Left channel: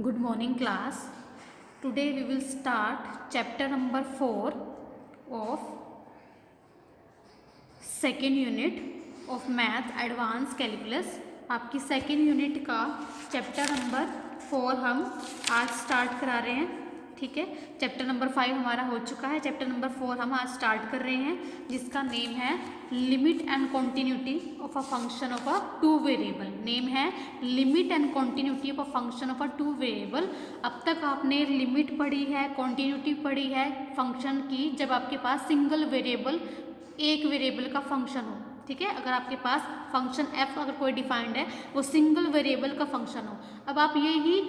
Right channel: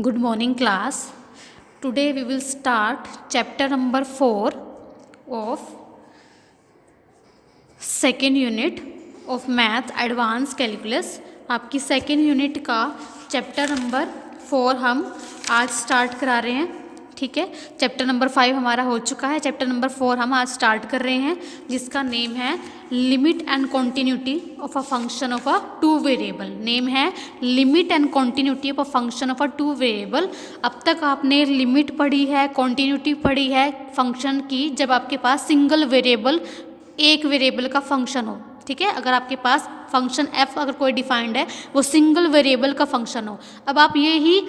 Good morning, class. Today we will start chapter number 4 of second unit of Math Advanced Calculus. आपकी second unit का chapter number 4 हम आज start करा रहे हैं। ठीक है, चैप्टर नंबर 5 हमारा हो चुका है, चैप्टर नंबर 4 हम आज स्टार्ट कर रहे हैं, जिसका नेम है limit and continuity of a function of a two variable. Name है limit and continuity of a function of a two variable. अब तक आपने लिमिट पढ़ी है, कॉन्टिन्यूटी पढ़ी है फंक्शन की, जब आपके पास सिंगल वेरिएबल, एक वेरिएबल का फंक्शन हो। ठीक है, अगर आपके पास फंक्शन एफ अगर कोई डिफाइंड है, वो सिंगल वेरिएबल का फंक्शन हो। अब आप ये ही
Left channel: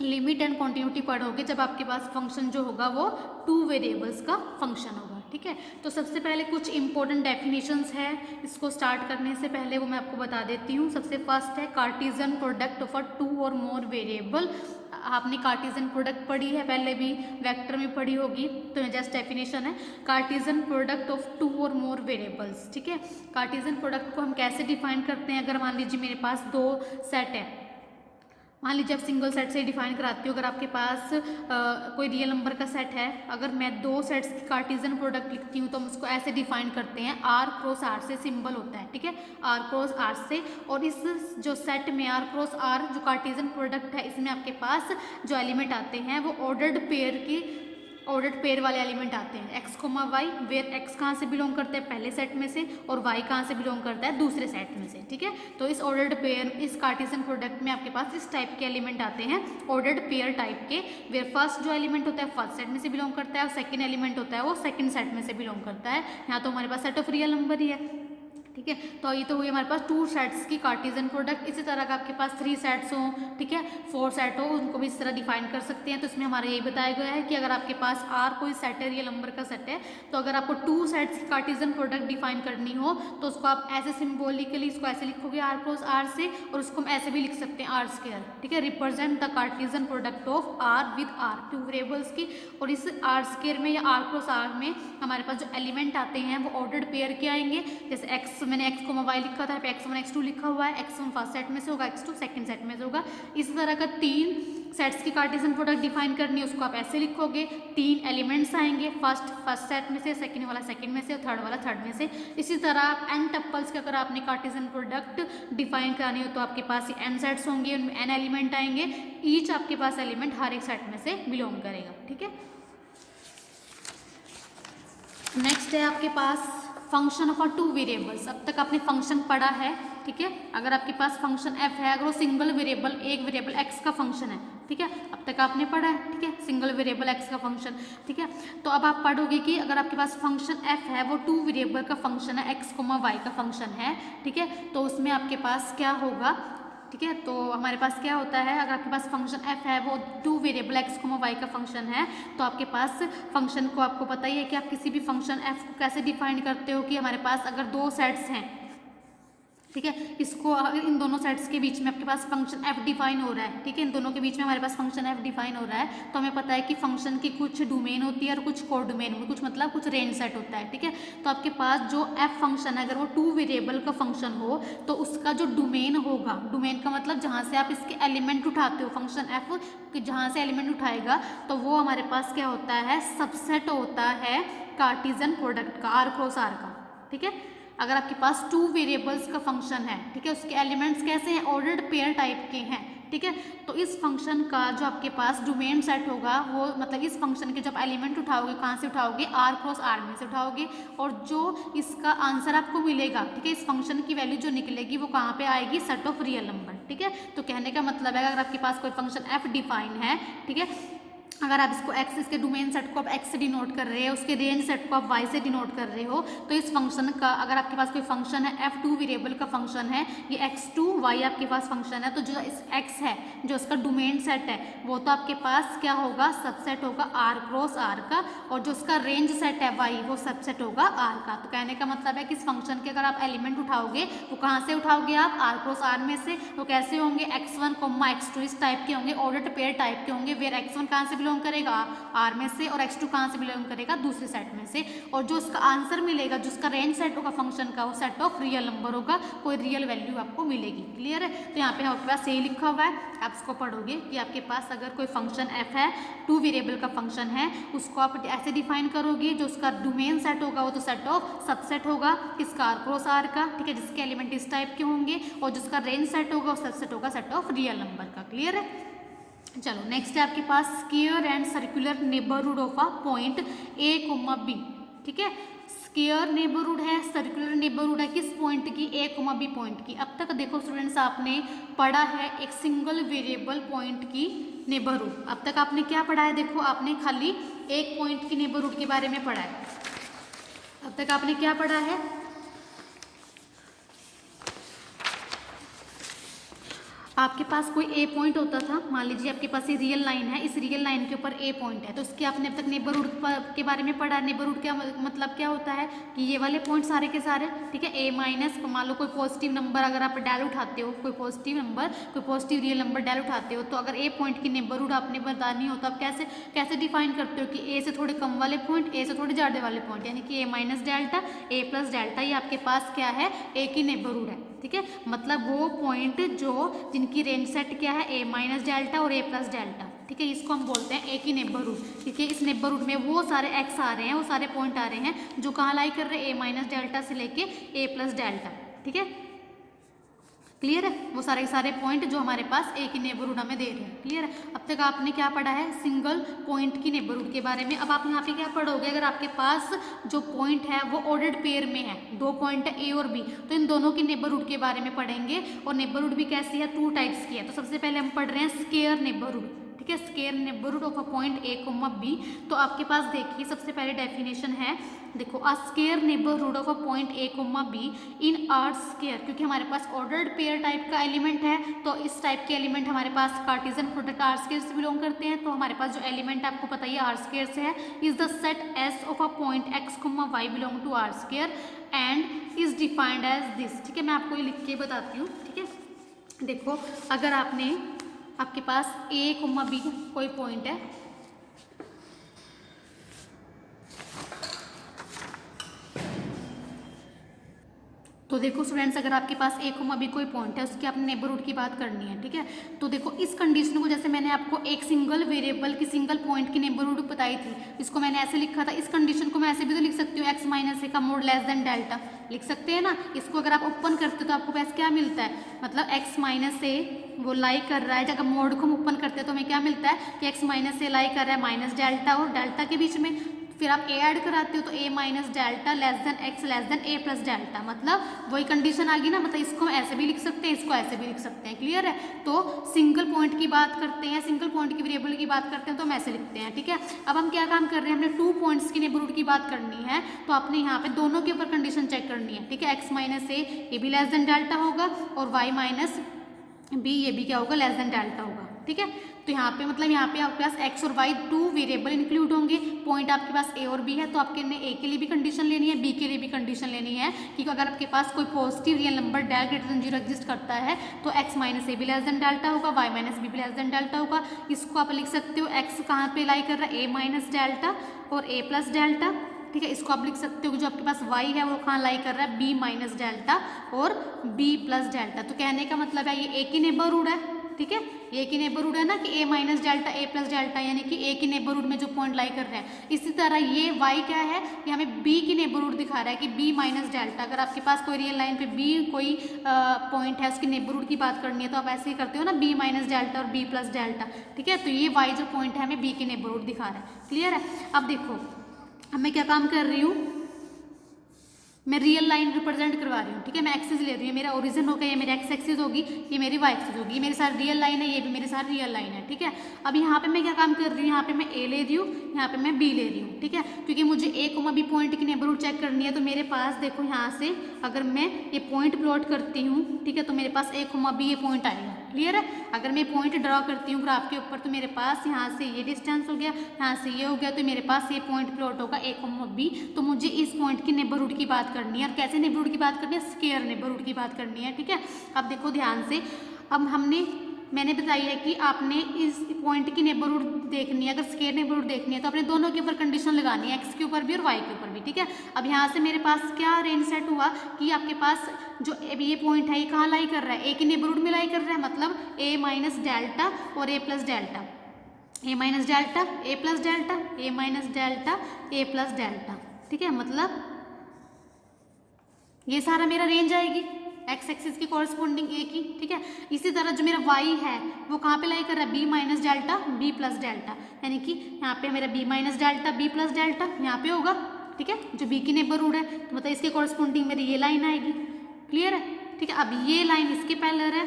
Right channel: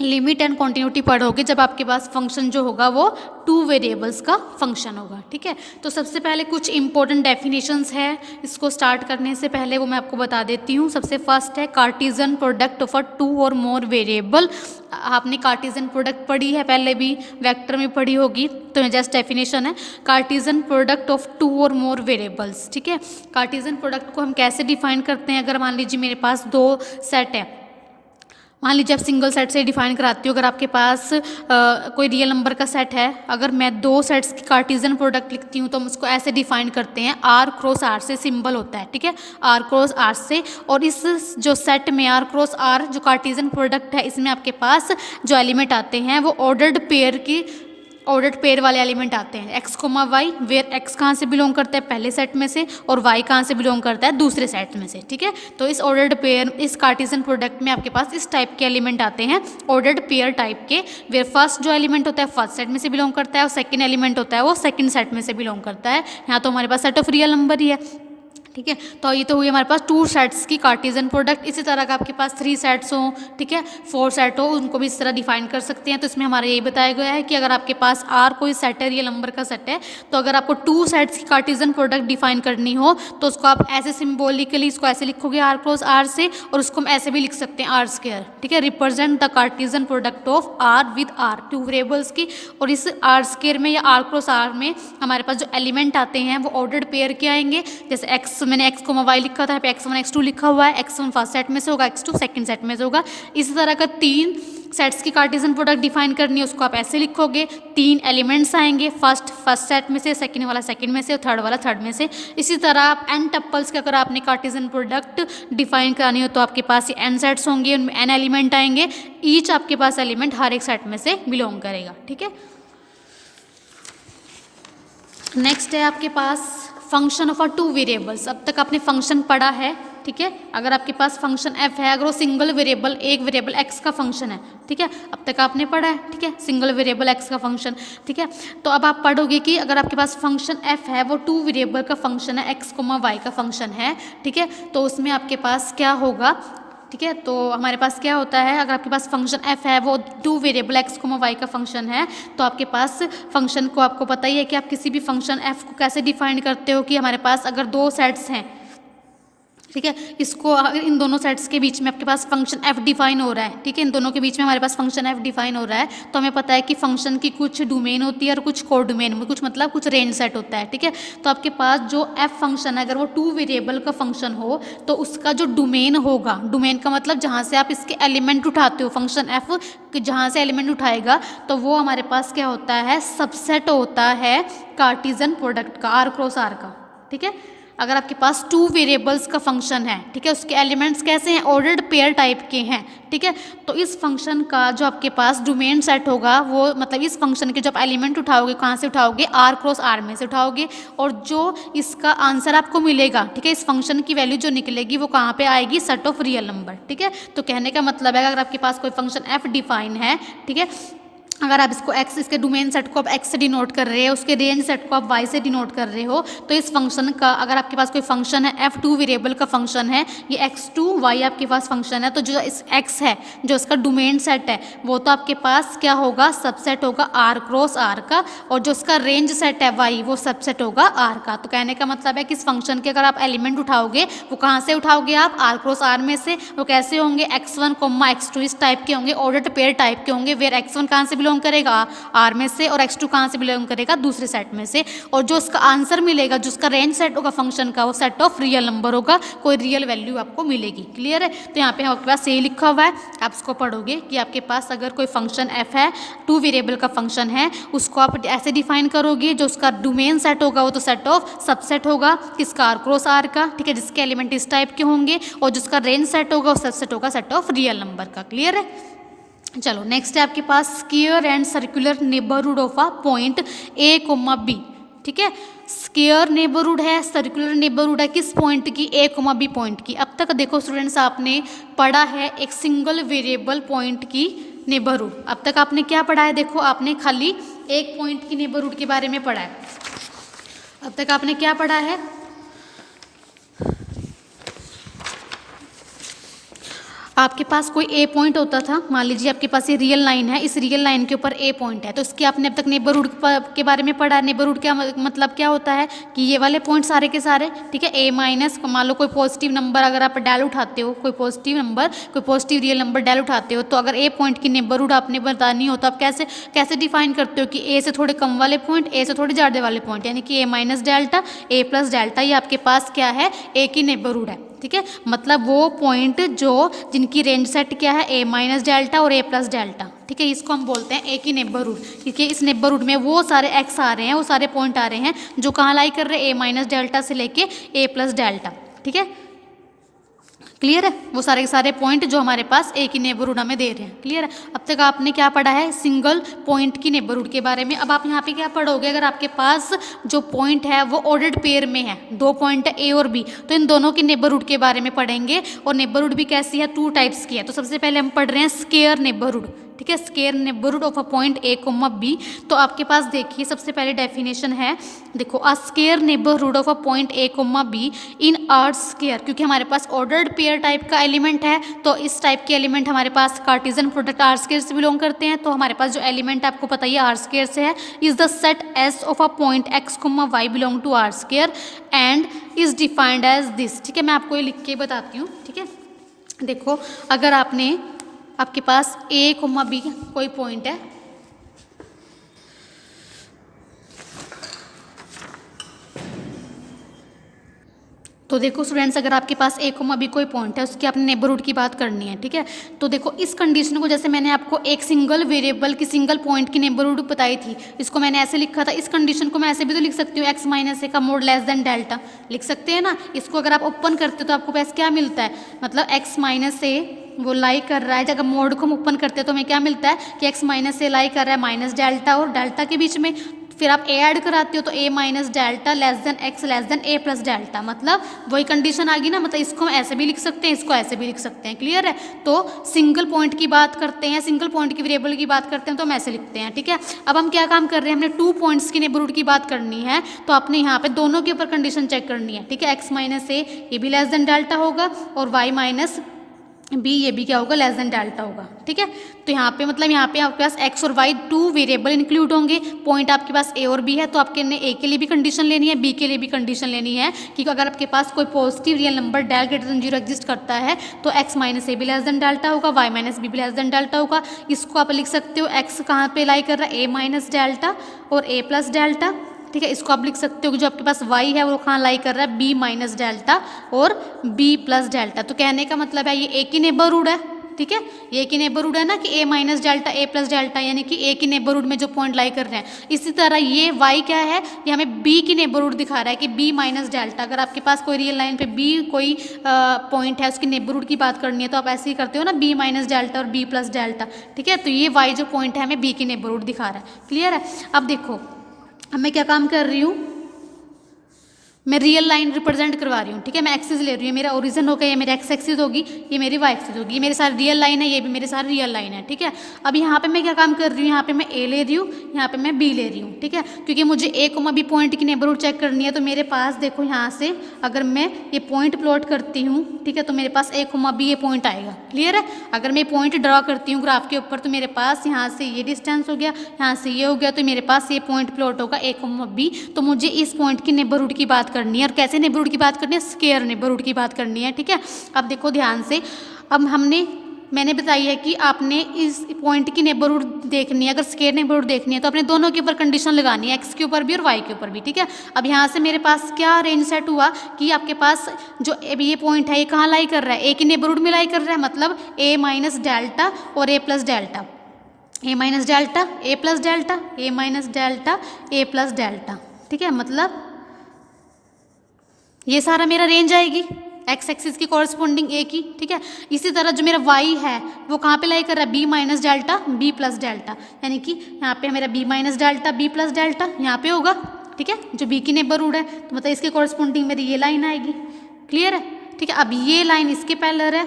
लिमिट एंड कॉन्टिन्यूटी पढ़ोगे जब आपके पास फंक्शन जो होगा वो टू वेरिएबल्स का फंक्शन होगा। ठीक है, तो सबसे पहले कुछ इंपॉर्टेंट डेफिनेशंस है, इसको स्टार्ट करने से पहले वो मैं आपको बता देती हूँ। सबसे फर्स्ट है Cartesian product of a two और मोर वेरिएबल। आपने कार्टेशियन प्रोडक्ट पढ़ी है, पहले भी वेक्टर में पढ़ी होगी, तो जस्ट डेफिनेशन है कार्टेशियन प्रोडक्ट ऑफ टू और मोर वेरिएबल्स। ठीक है, कार्टेशियन प्रोडक्ट को हम कैसे डिफाइन करते हैं? अगर मान लीजिए मेरे पास दो सेट है, मान लीजिए आप सिंगल सेट से डिफाइन कराती हो। अगर आपके पास कोई रियल नंबर का सेट है, अगर मैं दो सेट्स की कार्टेशियन प्रोडक्ट लिखती हूँ तो हम उसको ऐसे डिफाइन करते हैं, आर क्रॉस आर से सिंबल होता है। ठीक है, आर क्रॉस आर से, और इस जो सेट में आर क्रॉस आर जो कार्टेशियन प्रोडक्ट है, इसमें आपके पास जो एलिमेंट आते हैं वो ऑर्डर्ड पेयर की, ऑर्डर्ड पेयर वाले एलिमेंट आते हैं। X comma Y, where X कहाँ से बिलोंग करता है? पहले सेट में से, और वाई कहाँ से बिलोंग करता है? दूसरे सेट में से। ठीक है, तो इस ऑर्डर्ड पेयर, इस कार्टेशियन प्रोडक्ट में आपके पास इस टाइप के एलिमेंट आते हैं, ऑर्डर्ड पेयर टाइप के, वेयर फर्स्ट जो एलिमेंट होता है फर्स्ट सेट में से बिलोंग करता है, और सेकंड एलिमेंट होता है वो सेकंड सेट में से बिलोंग करता है। यहाँ तो हमारे पास सेट ऑफ रियल नंबर ही है। ठीक है, तो ये तो हुई हमारे पास टू सेट्स की कार्टेशियन प्रोडक्ट। इसी तरह का आपके पास थ्री सेट्स हों, ठीक है, फोर सेट हो, उनको भी इस तरह डिफाइन कर सकते हैं। तो इसमें हमारा ये बताया गया है कि अगर आपके पास आर कोई सेट है, रियल नंबर का सेट है, तो अगर आपको टू सेट्स की कार्टेशियन प्रोडक्ट डिफाइन करनी हो तो उसको आप ऐसे सिम्बोलिकली इसको ऐसे लिखोगे आर क्रॉस आर से, और उसको हम ऐसे भी लिख सकते हैं आर स्क्वायर। ठीक है, represent the Cartesian product of R with R, two variables की। और इस आर स्क्वायर में या आर क्रॉस आर में हमारे पास जो एलिमेंट आते हैं वो ऑर्डर्ड पेयर के आएंगे। जैसे एक्स, मैंने एक्स को वाई लिखा था, x1 x2 लिखा हुआ है, x1 फर्स्ट सेट में से होगा, x2 सेकंड सेट में से होगा। इसी तरह का तीन सेट्स की कार्टेशियन प्रोडक्ट डिफाइन करनी है, उसको आप ऐसे लिखोगे, तीन एलिमेंट्स आएंगे, फर्स्ट सेट में से, सेकंड वाला सेकंड में से, और थर्ड वाला थर्ड में से। इसी तरह आप एन टप्पल्स के अगर आपने कार्टेशियन प्रोडक्ट डिफाइन करानी हो तो आपके पास ये एन सेट्स होंगे, उनमें एन एलिमेंट आएंगे, ईच आपके पास एलिमेंट हर एक सेट में से बिलोंग करेगा। ठीक है, नेक्स्ट है आपके पास function of a two variables. अब तक आपने फंक्शन पढ़ा है। ठीक है, अगर आपके पास फंक्शन एफ है, अगर वो सिंगल वेरिएबल, एक वेरिएबल एक्स का फंक्शन है, ठीक है, अब तक आपने पढ़ा है। ठीक है, सिंगल वेरिएबल एक्स का फंक्शन। ठीक है, तो अब आप पढ़ोगे कि अगर आपके पास फंक्शन एफ है, वो टू वेरिएबल का फंक्शन है, एक्स कोमा वाई का फंक्शन है। ठीक है, तो उसमें आपके पास क्या होगा? ठीक है, तो हमारे पास क्या होता है, अगर आपके पास फंक्शन एफ है, वो two variable X comma Y का फंक्शन है, तो आपके पास फंक्शन को, आपको पता ही है कि आप किसी भी फंक्शन एफ को कैसे डिफाइन करते हो कि हमारे पास अगर दो सेट्स हैं, ठीक है, इसको अगर इन दोनों सेट्स के बीच में आपके पास फंक्शन एफ डिफाइन हो रहा है, ठीक है, इन दोनों के बीच में हमारे पास फंक्शन एफ डिफाइन हो रहा है, तो हमें पता है कि फंक्शन की कुछ डोमेन होती है और कुछ कोड डोमेन में, कुछ मतलब कुछ रेंज सेट होता है। ठीक है, तो आपके पास जो एफ फंक्शन है, अगर वो टू वेरिएबल का फंक्शन हो तो उसका जो डोमेन होगा, डोमेन का मतलब जहाँ से आप इसके एलिमेंट उठाते हो, फंक्शन एफ जहाँ से एलिमेंट उठाएगा, तो वो हमारे पास क्या होता है? सबसेट होता है कार्टेशियन प्रोडक्ट का, आर क्रॉस आर का। ठीक है, अगर आपके पास टू वेरिएबल्स का फंक्शन है, ठीक है, उसके एलिमेंट्स कैसे हैं? ऑर्डर्ड पेयर टाइप के हैं। ठीक है, तो इस फंक्शन का जो आपके पास डोमेन सेट होगा, वो मतलब इस फंक्शन के जब एलिमेंट उठाओगे, कहाँ से उठाओगे? आर क्रॉस आर में से उठाओगे, और जो इसका आंसर आपको मिलेगा, ठीक है, इस फंक्शन की वैल्यू जो निकलेगी वो कहाँ पे आएगी? Set of real number. ठीक है, तो कहने का मतलब है अगर आपके पास कोई फंक्शन एफ डिफाइन है, ठीक है, अगर आप इसको x, इसके डोमेन सेट को आप x से डिनोट कर रहे हो, उसके रेंज सेट को आप y से डिनोट कर रहे हो, तो इस फंक्शन का, अगर आपके पास कोई फंक्शन है f टू वेरिएबल का फंक्शन है, ये x2y आपके पास फंक्शन है, तो जो इस x है, जो इसका डोमेन सेट है, वो तो आपके पास क्या होगा? सबसेट होगा r क्रॉस r का, और जो इसका रेंज सेट है y, वो सबसेट होगा r का। तो कहने का मतलब है कि इस फंक्शन के अगर आप एलिमेंट उठाओगे, वो कहाँ से उठाओगे आप? r क्रॉस r में से। वो कैसे होंगे? x1, x2 इस टाइप के होंगे, ऑर्डर्ड पेयर टाइप के होंगे, वेयर x1 कहाँ से बिलोंग करेगा, आर में से, और x2 कहाँ से बिलोंग करेगा, दूसरे सेट में से। और जो उसका आंसर मिलेगा, जो उसका रेंज सेट होगा फंक्शन का, वो सेट ऑफ रियल नंबर होगा, कोई रियल वैल्यू आपको मिलेगी। क्लियर है? तो यहाँ पे आपके पास यही लिखा हुआ है, आप इसको पढ़ोगे कि आपके पास अगर कोई फंक्शन f है, 2 वेरिएबल का फंक्शन है, उसको आप ऐसे डिफाइन करोगे, जो उसका डोमेन सेट होगा वो तो सेट ऑफ सबसेट होगा किसका, आर क्रॉस आर का, ठीक है, जिसके एलिमेंट इस टाइप के होंगे, और जिसका रेंज सेट होगा वो सबसेट होगा सेट ऑफ रियल नंबर का। क्लियर है? चलो नेक्स्ट है आपके पास square and circular neighbourhood of a point A comma B. ठीक है, स्क्वायर नेबरहुड है, सर्कुलर नेबरहुड है, किस पॉइंट की, ए कोमा बी पॉइंट की। अब तक देखो स्टूडेंट्स आपने पढ़ा है एक सिंगल वेरिएबल पॉइंट की नेबरहुड। अब तक आपने क्या पढ़ा है, देखो आपने खाली एक पॉइंट की नेबरहुड के बारे में पढ़ा है। अब तक आपने क्या पढ़ा है, आपके पास कोई ए पॉइंट होता था, मान लीजिए आपके पास ये रियल लाइन है, इस रियल लाइन के ऊपर ए पॉइंट है, तो इसके आपने अब तक नेबरहुड के बारे में पढ़ा है। नेबरहुड क्या मतलब क्या होता है कि ये वाले पॉइंट सारे के सारे, ठीक है, ए माइनस, मान लो कोई पॉजिटिव नंबर अगर आप डेल उठाते हो, कोई पॉजिटिव नंबर, कोई पॉजिटिव रियल नंबर डेल उठाते हो, तो अगर ए पॉइंट की नेबरहुड आपने बतानी हो तो आप कैसे डिफाइन करते हो कि ए से थोड़े कम वाले पॉइंट, ए से थोड़े ज़्यादा वाले पॉइंट, यानी कि ए माइनस डेल्टा, ए प्लस डेल्टा, ये आपके पास क्या है, ए की नेबरहुड है। ठीक है, मतलब वो पॉइंट जो जिनकी रेंज सेट क्या है, ए माइनस डेल्टा और ए प्लस डेल्टा। ठीक है, इसको हम बोलते हैं ए की नेबरहुड, क्योंकि इस नेबरहुड में वो सारे एक्स आ रहे हैं, वो सारे पॉइंट आ रहे हैं जो कहाँ लाई कर रहे हैं, ए माइनस डेल्टा से लेके ए प्लस डेल्टा। ठीक है, क्लियर है, वो सारे के सारे पॉइंट जो हमारे पास ए की नेबरहुड हमें दे रहे हैं। क्लियर है? अब तक आपने क्या पढ़ा है, सिंगल पॉइंट की नेबरहुड के बारे में। अब आप यहाँ पे क्या पढ़ोगे, अगर आपके पास जो पॉइंट है वो ऑर्डर्ड पेयर में है, 2 पॉइंट है ए और बी, तो इन दोनों की नेबरहुड के बारे में पढ़ेंगे। और नेबरहुड भी कैसी है, 2 टाइप्स की है। तो सबसे पहले हम पढ़ रहे हैं स्क्वायर नेबरहुड। ठीक है, square neighbourhood of a point A comma B. तो आपके पास देखिए सबसे पहले डेफिनेशन है, देखो a square neighbourhood of a point A comma B in R square, क्योंकि हमारे पास ऑर्डर्ड पेयर टाइप का एलिमेंट है, तो इस टाइप के एलिमेंट हमारे पास कार्टेशियन प्रोडक्ट आर स्क्वायर से बिलोंग करते हैं। तो हमारे पास जो एलिमेंट आपको पता ही आर स्क्वायर से है, is the set S of a point X comma Y belong to R square and is defined as this. ठीक है, मैं आपको ये लिख के बताती हूँ। ठीक है, देखो अगर आपके पास ए कोमा बी कोई पॉइंट है, तो देखो स्टूडेंट्स अगर आपके पास ए कोमा बी कोई पॉइंट है, उसकी आपने नेबरहुड की बात करनी है। ठीक है, तो देखो इस कंडीशन को, जैसे मैंने आपको एक सिंगल वेरिएबल की सिंगल पॉइंट की नेबरहुड बताई थी, इसको मैंने ऐसे लिखा था। इस कंडीशन को मैं ऐसे भी तो लिख सकती हूँ, एक्स माइनस ए का मोड लेस देन डेल्टा, लिख सकते हैं ना। इसको अगर आप ओपन करते हो तो आपको पास क्या मिलता है, मतलब एक्स माइनस ए वो लाई कर रहा है, जब मोड को हम ओपन करते हैं तो हमें क्या मिलता है कि एक्स माइनस ए लाई कर रहा है माइनस डेल्टा और डेल्टा के बीच में। फिर आप ए ऐड कराते हो तो A minus delta less than X less than A plus delta, मतलब वही कंडीशन आ गई ना। मतलब इसको हम ऐसे भी लिख सकते हैं, इसको ऐसे भी लिख सकते हैं। क्लियर है? तो सिंगल पॉइंट की बात करते हैं, सिंगल पॉइंट की वेरिएबल की बात करते हैं तो हम ऐसे लिखते हैं। ठीक है, अब हम क्या काम कर रहे हैं, हमने 2 पॉइंट्स की नेबरहुड की बात करनी है, तो आपने यहाँ पे दोनों के ऊपर कंडीशन चेक करनी है। ठीक है, एक्स माइनस ए ये भी लेस देन डेल्टा होगा और वाई माइनस बी ये भी क्या होगा, लेस देन डेल्टा होगा। ठीक है, तो यहाँ पे मतलब यहाँ पे आपके पास एक्स और वाई 2 वेरिएबल इंक्लूड होंगे, पॉइंट आपके पास ए और बी है, तो आपके ने ए के लिए भी कंडीशन लेनी है, बी के लिए भी कंडीशन लेनी है कि अगर आपके पास कोई positive real number del greater than 0 exist करता है तो एक्स माइनस ए भी लेस देन डेल्टा होगा, वाई माइनस बी भी लेस देन डेल्टा होगा। इसको आप लिख सकते हो, एक्स कहाँ पे लाई कर रहा है, ए माइनस डेल्टा और ए प्लस डेल्टा। ठीक है, इसको आप लिख सकते हो कि जो आपके पास y है वो कहाँ लाई कर रहा है, b माइनस डेल्टा और b प्लस डेल्टा। तो कहने का मतलब है ये a की नेबरहुड है। ठीक है, ये की नेबरहुड है ना कि a minus delta a plus delta, यानी कि a की नेबरहुड में जो पॉइंट लाई कर रहे हैं। इसी तरह ये y क्या है, ये हमें b की नेबरहुड दिखा रहा है कि b माइनस डेल्टा। अगर आपके पास कोई रियल लाइन पे b कोई पॉइंट है, उसकी नेबरहुड की बात करनी है तो आप ऐसे ही करते हो ना, b माइनस डेल्टा और b प्लस डेल्टा। ठीक है, तो ये y जो पॉइंट है हमें b की नेबरहुड दिखा रहा है। क्लियर है? अब देखो अब मैं क्या काम कर रही हूँ, मैं रियल लाइन रिप्रेजेंट करवा रही हूँ। ठीक है, मैं एक्सिस ले रही हूँ, मेरा ओरिजिन होगा, ये मेरी एक्स एक्सिस होगी, ये मेरी वाई एक्सिस होगी, ये मेरे साथ रियल लाइन है, ये भी मेरे साथ रियल लाइन है। ठीक है, अब यहाँ पे मैं क्या काम कर रही हूँ, यहाँ पे मैं ए ले रही हूँ, यहाँ पे मैं बी ले रही हूँ। ठीक है, क्योंकि मुझे ए कोमा बी पॉइंट की नेबरहुड चेक करनी है, तो मेरे पास देखो यहाँ से अगर मैं ये पॉइंट प्लॉट करती हूँ, ठीक है, तो मेरे पास ए कोमा बी ये पॉइंट आएगा। क्लियर है? अगर मैं पॉइंट ड्रॉ करती हूँ ग्राफ के ऊपर तो मेरे पास यहाँ से ये डिस्टेंस हो गया, यहाँ से ये हो गया, तो मेरे पास ये पॉइंट प्लॉट होगा ए कोमा बी। तो मुझे इस पॉइंट की नेबरहुड की बात करनी है, और कैसे नेबरहुड की बात करनी है, स्क्वायर नेबरहुड की बात करनी है। ठीक है, अब देखो ध्यान से, अब हमने मैंने बताई है कि आपने इस पॉइंट की नेबरहुड देखनी है, अगर स्क्वायर नेबरहुड देखनी है तो अपने दोनों के ऊपर कंडीशन लगानी है, एक्स के ऊपर भी और वाई के ऊपर भी, ठीक है। अब यहाँ से मेरे पास क्या रेंज सेट हुआ कि आपके पास जो ये पॉइंट है ये कहाँ लाई कर रहा है, ए की नेबरहुड में लाई कर रहा है, मतलब ए माइनस डेल्टा और ए plus delta, A minus delta A plus delta, A minus delta A plus delta, ठीक है। मतलब ये सारा मेरा रेंज आएगी एक्स एक्सिस की कॉरस्पॉन्डिंग ए की, ठीक है। इसी तरह जो मेरा वाई है वो कहाँ पे लाई कर रहा है, B minus delta B plus delta, यानी कि यहाँ पे मेरा B minus delta B plus delta यहाँ पे होगा, ठीक है, जो बी की नेबरहुड है, तो मतलब इसके कॉरस्पॉन्डिंग मेरी ये लाइन आएगी। क्लियर है, ठीक है। अब ये लाइन इसके पैरेलल है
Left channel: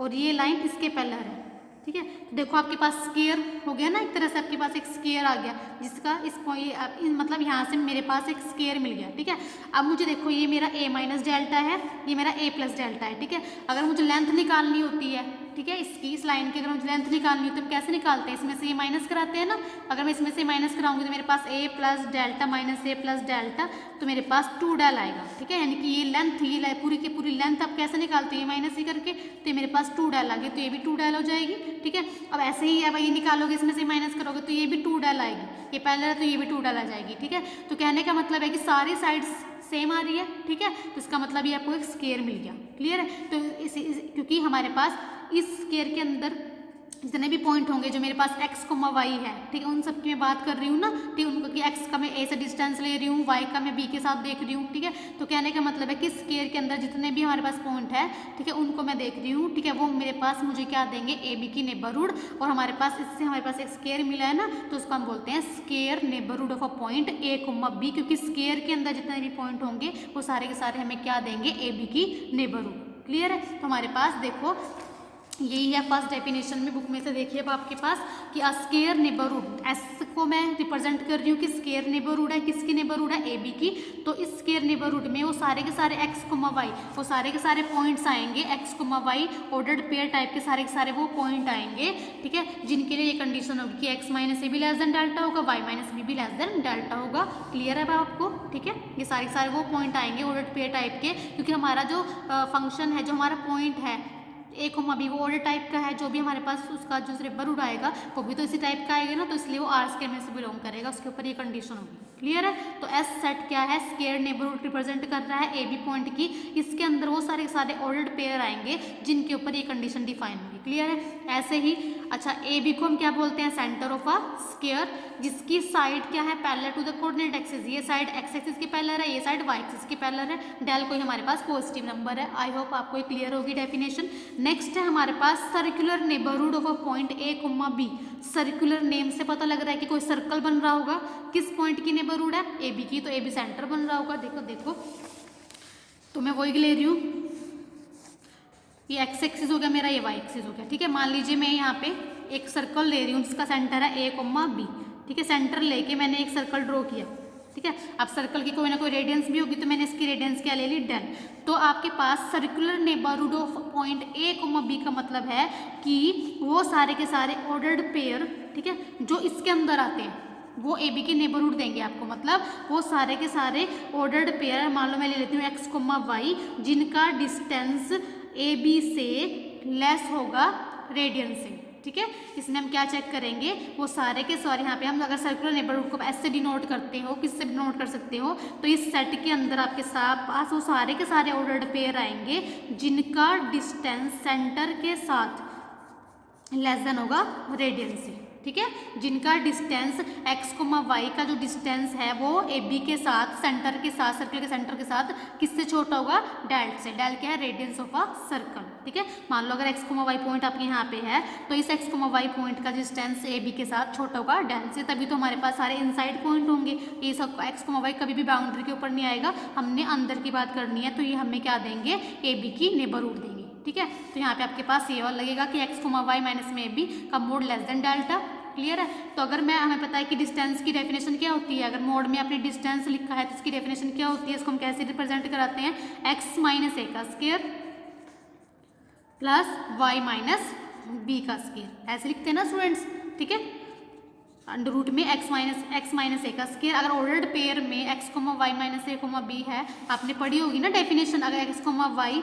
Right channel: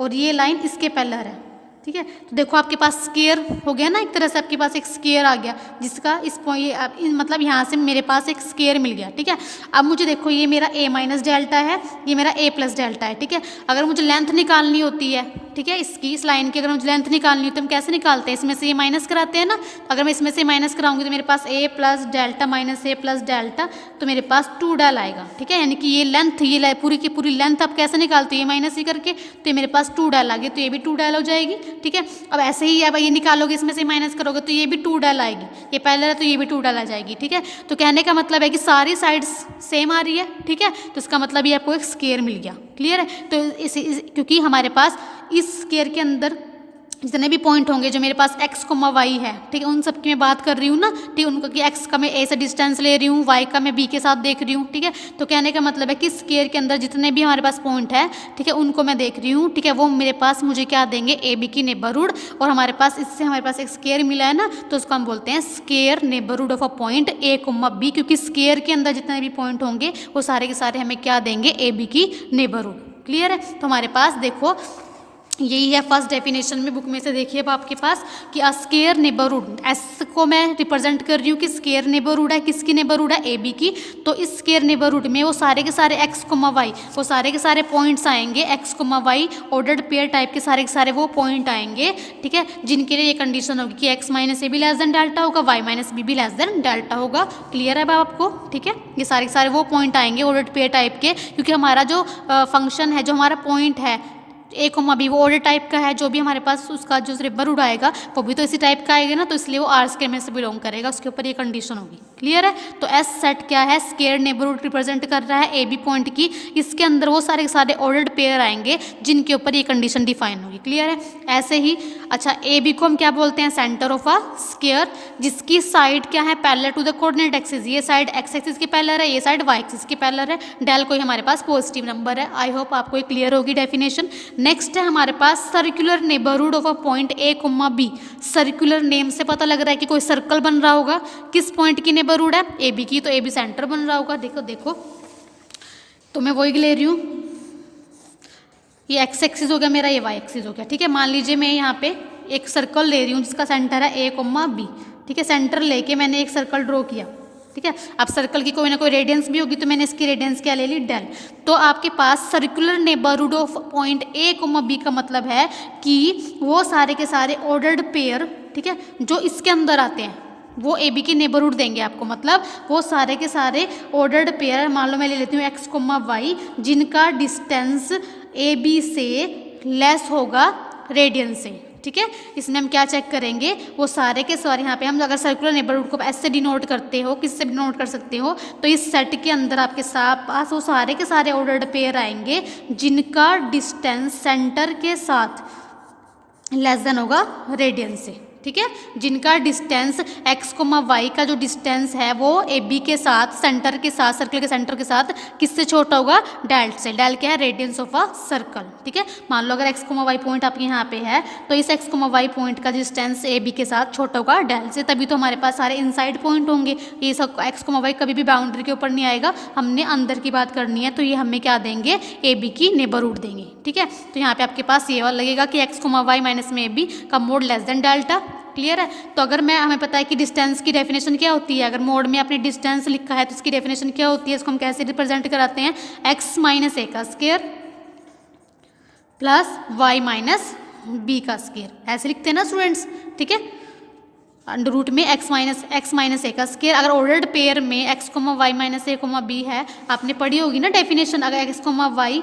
और ये लाइन इसके पैरेलल है, ठीक है। तो देखो आपके पास स्क्वायर हो गया ना, एक तरह से आपके पास एक स्क्वायर आ गया जिसका इस पॉइंट मतलब यहाँ से मेरे पास एक स्क्वायर मिल गया, ठीक है। अब मुझे देखो ये मेरा ए माइनस डेल्टा है, ये मेरा ए प्लस डेल्टा है, ठीक है। अगर मुझे लेंथ निकालनी होती है, ठीक है, इसकी इस लाइन की अगर मुझे लेंथ निकालनी होती है तो हम कैसे निकालते हैं, इसमें से ये माइनस कराते हैं ना। अगर मैं इसमें से माइनस कराऊंगी तो मेरे पास ए प्लस डेल्टा माइनस ए प्लस डेल्टा, तो मेरे पास 2 डेल आएगा, ठीक है। यानी कि ये लेंथ ये पूरी की पूरी लेंथ आप कैसे निकालते हो, ये माइनस ही करके, तो ये मेरे पास 2 डेल आ गई, तो ये भी 2 डेल हो जाएगी, ठीक है। अब ऐसे ही अब ये निकालोगे इसमें से माइनस करोगे तो ये भी 2 डेल आएगी, ये पहले है तो ये भी 2 डेल आ जाएगी, ठीक है। तो कहने का मतलब है कि सारी साइड्स सेम आ रही है, ठीक है। तो इसका मतलब ये आपको एक स्क्वायर मिल गया। क्लियर है, तो क्योंकि हमारे पास इस स्क्वायर के अंदर जितने भी पॉइंट होंगे जो मेरे पास x, y है, ठीक है, उन सब की मैं बात कर रही हूँ ना, ठीक है, उनको कि x का मैं a से डिस्टेंस ले रही हूँ, y का मैं b के साथ देख रही हूँ, ठीक है। तो कहने का मतलब है कि स्क्वायर के अंदर जितने भी हमारे पास पॉइंट है, ठीक है, उनको मैं देख रही हूँ, ठीक है, वो मेरे पास मुझे क्या देंगे, ए बी की नेबरहुड। और हमारे पास इससे हमारे पास एक स्क्वायर मिला है ना, तो उसको हम बोलते हैं square neighbourhood of a point a, b, क्योंकि स्क्वायर के अंदर जितने भी पॉइंट होंगे वो सारे के सारे हमें क्या देंगे, ए बी की नेबरहुड। क्लियर है, तो हमारे पास देखो यही है फर्स्ट डेफिनेशन में, बुक में से देखिए अब आपके पास कि अ स्क्वायर नेबरहुड, एस को मैं रिप्रेजेंट कर रही हूँ कि स्क्वायर नेबरहुड है, किसकी नेबरहुड है, ए बी की। तो इस स्क्वायर नेबरहुड में वो सारे के सारे एक्स कोमा वाई, वो सारे के सारे पॉइंट्स आएंगे, X comma Y ordered pair type के सारे वो पॉइंट आएंगे, ठीक है, जिनके लिए ये कंडीशन होगी कि एक्स माइनस ए भी लेस देन डेल्टा होगा, वाई माइनस बी भी लेस देन डेल्टा होगा। क्लियर है अब आपको, ठीक है। ये सारे वो पॉइंट आएंगे ऑर्डर्ड पेयर टाइप के, क्योंकि हमारा जो फंक्शन है, जो हमारा पॉइंट है ए कोमा बी, वो ऑर्डर टाइप का है, जो भी हमारे पास उसका जो नेबरहुड आएगा वो भी तो इसी टाइप का आएगा ना, तो इसलिए वो आर स्क्वायर में से बिलोंग करेगा, उसके ऊपर ये कंडीशन होगी। क्लियर है, तो एस सेट क्या है, स्क्वायर नेबरहुड रिप्रेजेंट कर रहा है ए बी पॉइंट की, इसके अंदर वो सारे के सारे ऑर्डर्ड पेयर आएंगे जिनके ऊपर ये कंडीशन डिफाइन होगी। क्लियर है, ऐसे ही अच्छा ए बी को हम क्या बोलते हैं, सेंटर ऑफ अ स्क्वायर, जिसकी साइड क्या है, parallel to the coordinate axis, ये साइड एक्स एक्सिस की पैरेलल है, ये साइड वाई एक्सिस की पैरेलल है, डेल कोई हमारे पास पॉजिटिव नंबर है। आई होप आपको ये क्लियर होगी डेफिनेशन। नेक्स्ट है हमारे पास circular neighbourhood of a point A comma B. Circular name से पता लग रहा है कि कोई सर्कल बन रहा होगा, किस पॉइंट की नेबरहुड है, ए बी की, तो ए बी सेंटर बन रहा होगा। देखो तो मैं वही ले रही हूँ, ये एक्स एक्सिस हो गया मेरा, ये वाई एक्सिस हो गया, ठीक है। मान लीजिए मैं यहाँ पे एक सर्कल ले रही हूँ जिसका सेंटर है ए कोमा बी, ठीक है। सेंटर लेके मैंने एक सर्कल ड्रॉ किया, ठीक है। अब सर्कल की कोई ना कोई रेडियंस भी होगी, तो मैंने इसकी रेडियंस क्या ले ली, डेल। तो आपके पास circular neighbourhood of point A comma B का मतलब है कि वो सारे के सारे ऑर्डर्ड पेयर, ठीक है, जो इसके अंदर आते हैं वो ए बी की नेबरहुड देंगे आपको। मतलब वो सारे के सारे ऑर्डर्ड पेयर, मान लो मैं ले लेती हूँ एक्स कोमा वाई, जिनका डिस्टेंस ए बी से लेस होगा रेडियंस से, ठीक है। इसमें हम क्या चेक करेंगे, वो सारे के सारे यहाँ पे हम अगर सर्कुलर नेबरहुड को ऐसे डिनोट करते हो, किससे डिनोट कर सकते हो, तो इस सेट के अंदर आपके पास वो सारे के सारे ऑर्डर्ड पेयर आएंगे जिनका डिस्टेंस सेंटर के साथ लेस देन होगा रेडियंस से, ठीक है। जिनका डिस्टेंस एक्स कोमा वाई का जो डिस्टेंस है वो ए बी के साथ, सेंटर के साथ, सर्कल के सेंटर के साथ किससे छोटा होगा, डेल से। डेल क्या है, रेडियंस ऑफ अ सर्कल, ठीक है। मान लो अगर एक्स कोमा वाई पॉइंट आपके यहाँ पे है, तो इस एक्स कोमा वाई पॉइंट का डिस्टेंस ए बी के साथ छोटा होगा डेल से, तभी तो हमारे पास सारे इनसाइड पॉइंट होंगे। ये सब एक्स कोमा वाई कभी भी बाउंड्री के ऊपर नहीं आएगा, हमने अंदर की बात करनी है, तो ये हमें क्या देंगे, ए बी की नेबरहुड देंगे, ठीक है। तो यहाँ पे आपके पास ये वाला लगेगा कि एक्स कोमा वाई माइनस में ए बी का mod less than delta. Clear है, तो अगर हमें पता है कि डिस्टेंस की डेफिनेशन क्या होती है, अगर मोड में आपने डिस्टेंस लिखा है तो इसकी डेफिनेशन क्या होती है, इसको हम कैसे रिप्रेजेंट कराते हैं, एक्स माइनस ए का square plus Y minus B का स्क्वायर, ऐसे लिखते हैं ना स्टूडेंट्स, ठीक है। अंडर रूट में एक्स माइनस ए का स्क्वायर, अगर ऑर्डर्ड पेयर में X comma Y minus A comma B है, आपने पढ़ी होगी ना डेफिनेशन, अगर एक्स कोमा वाई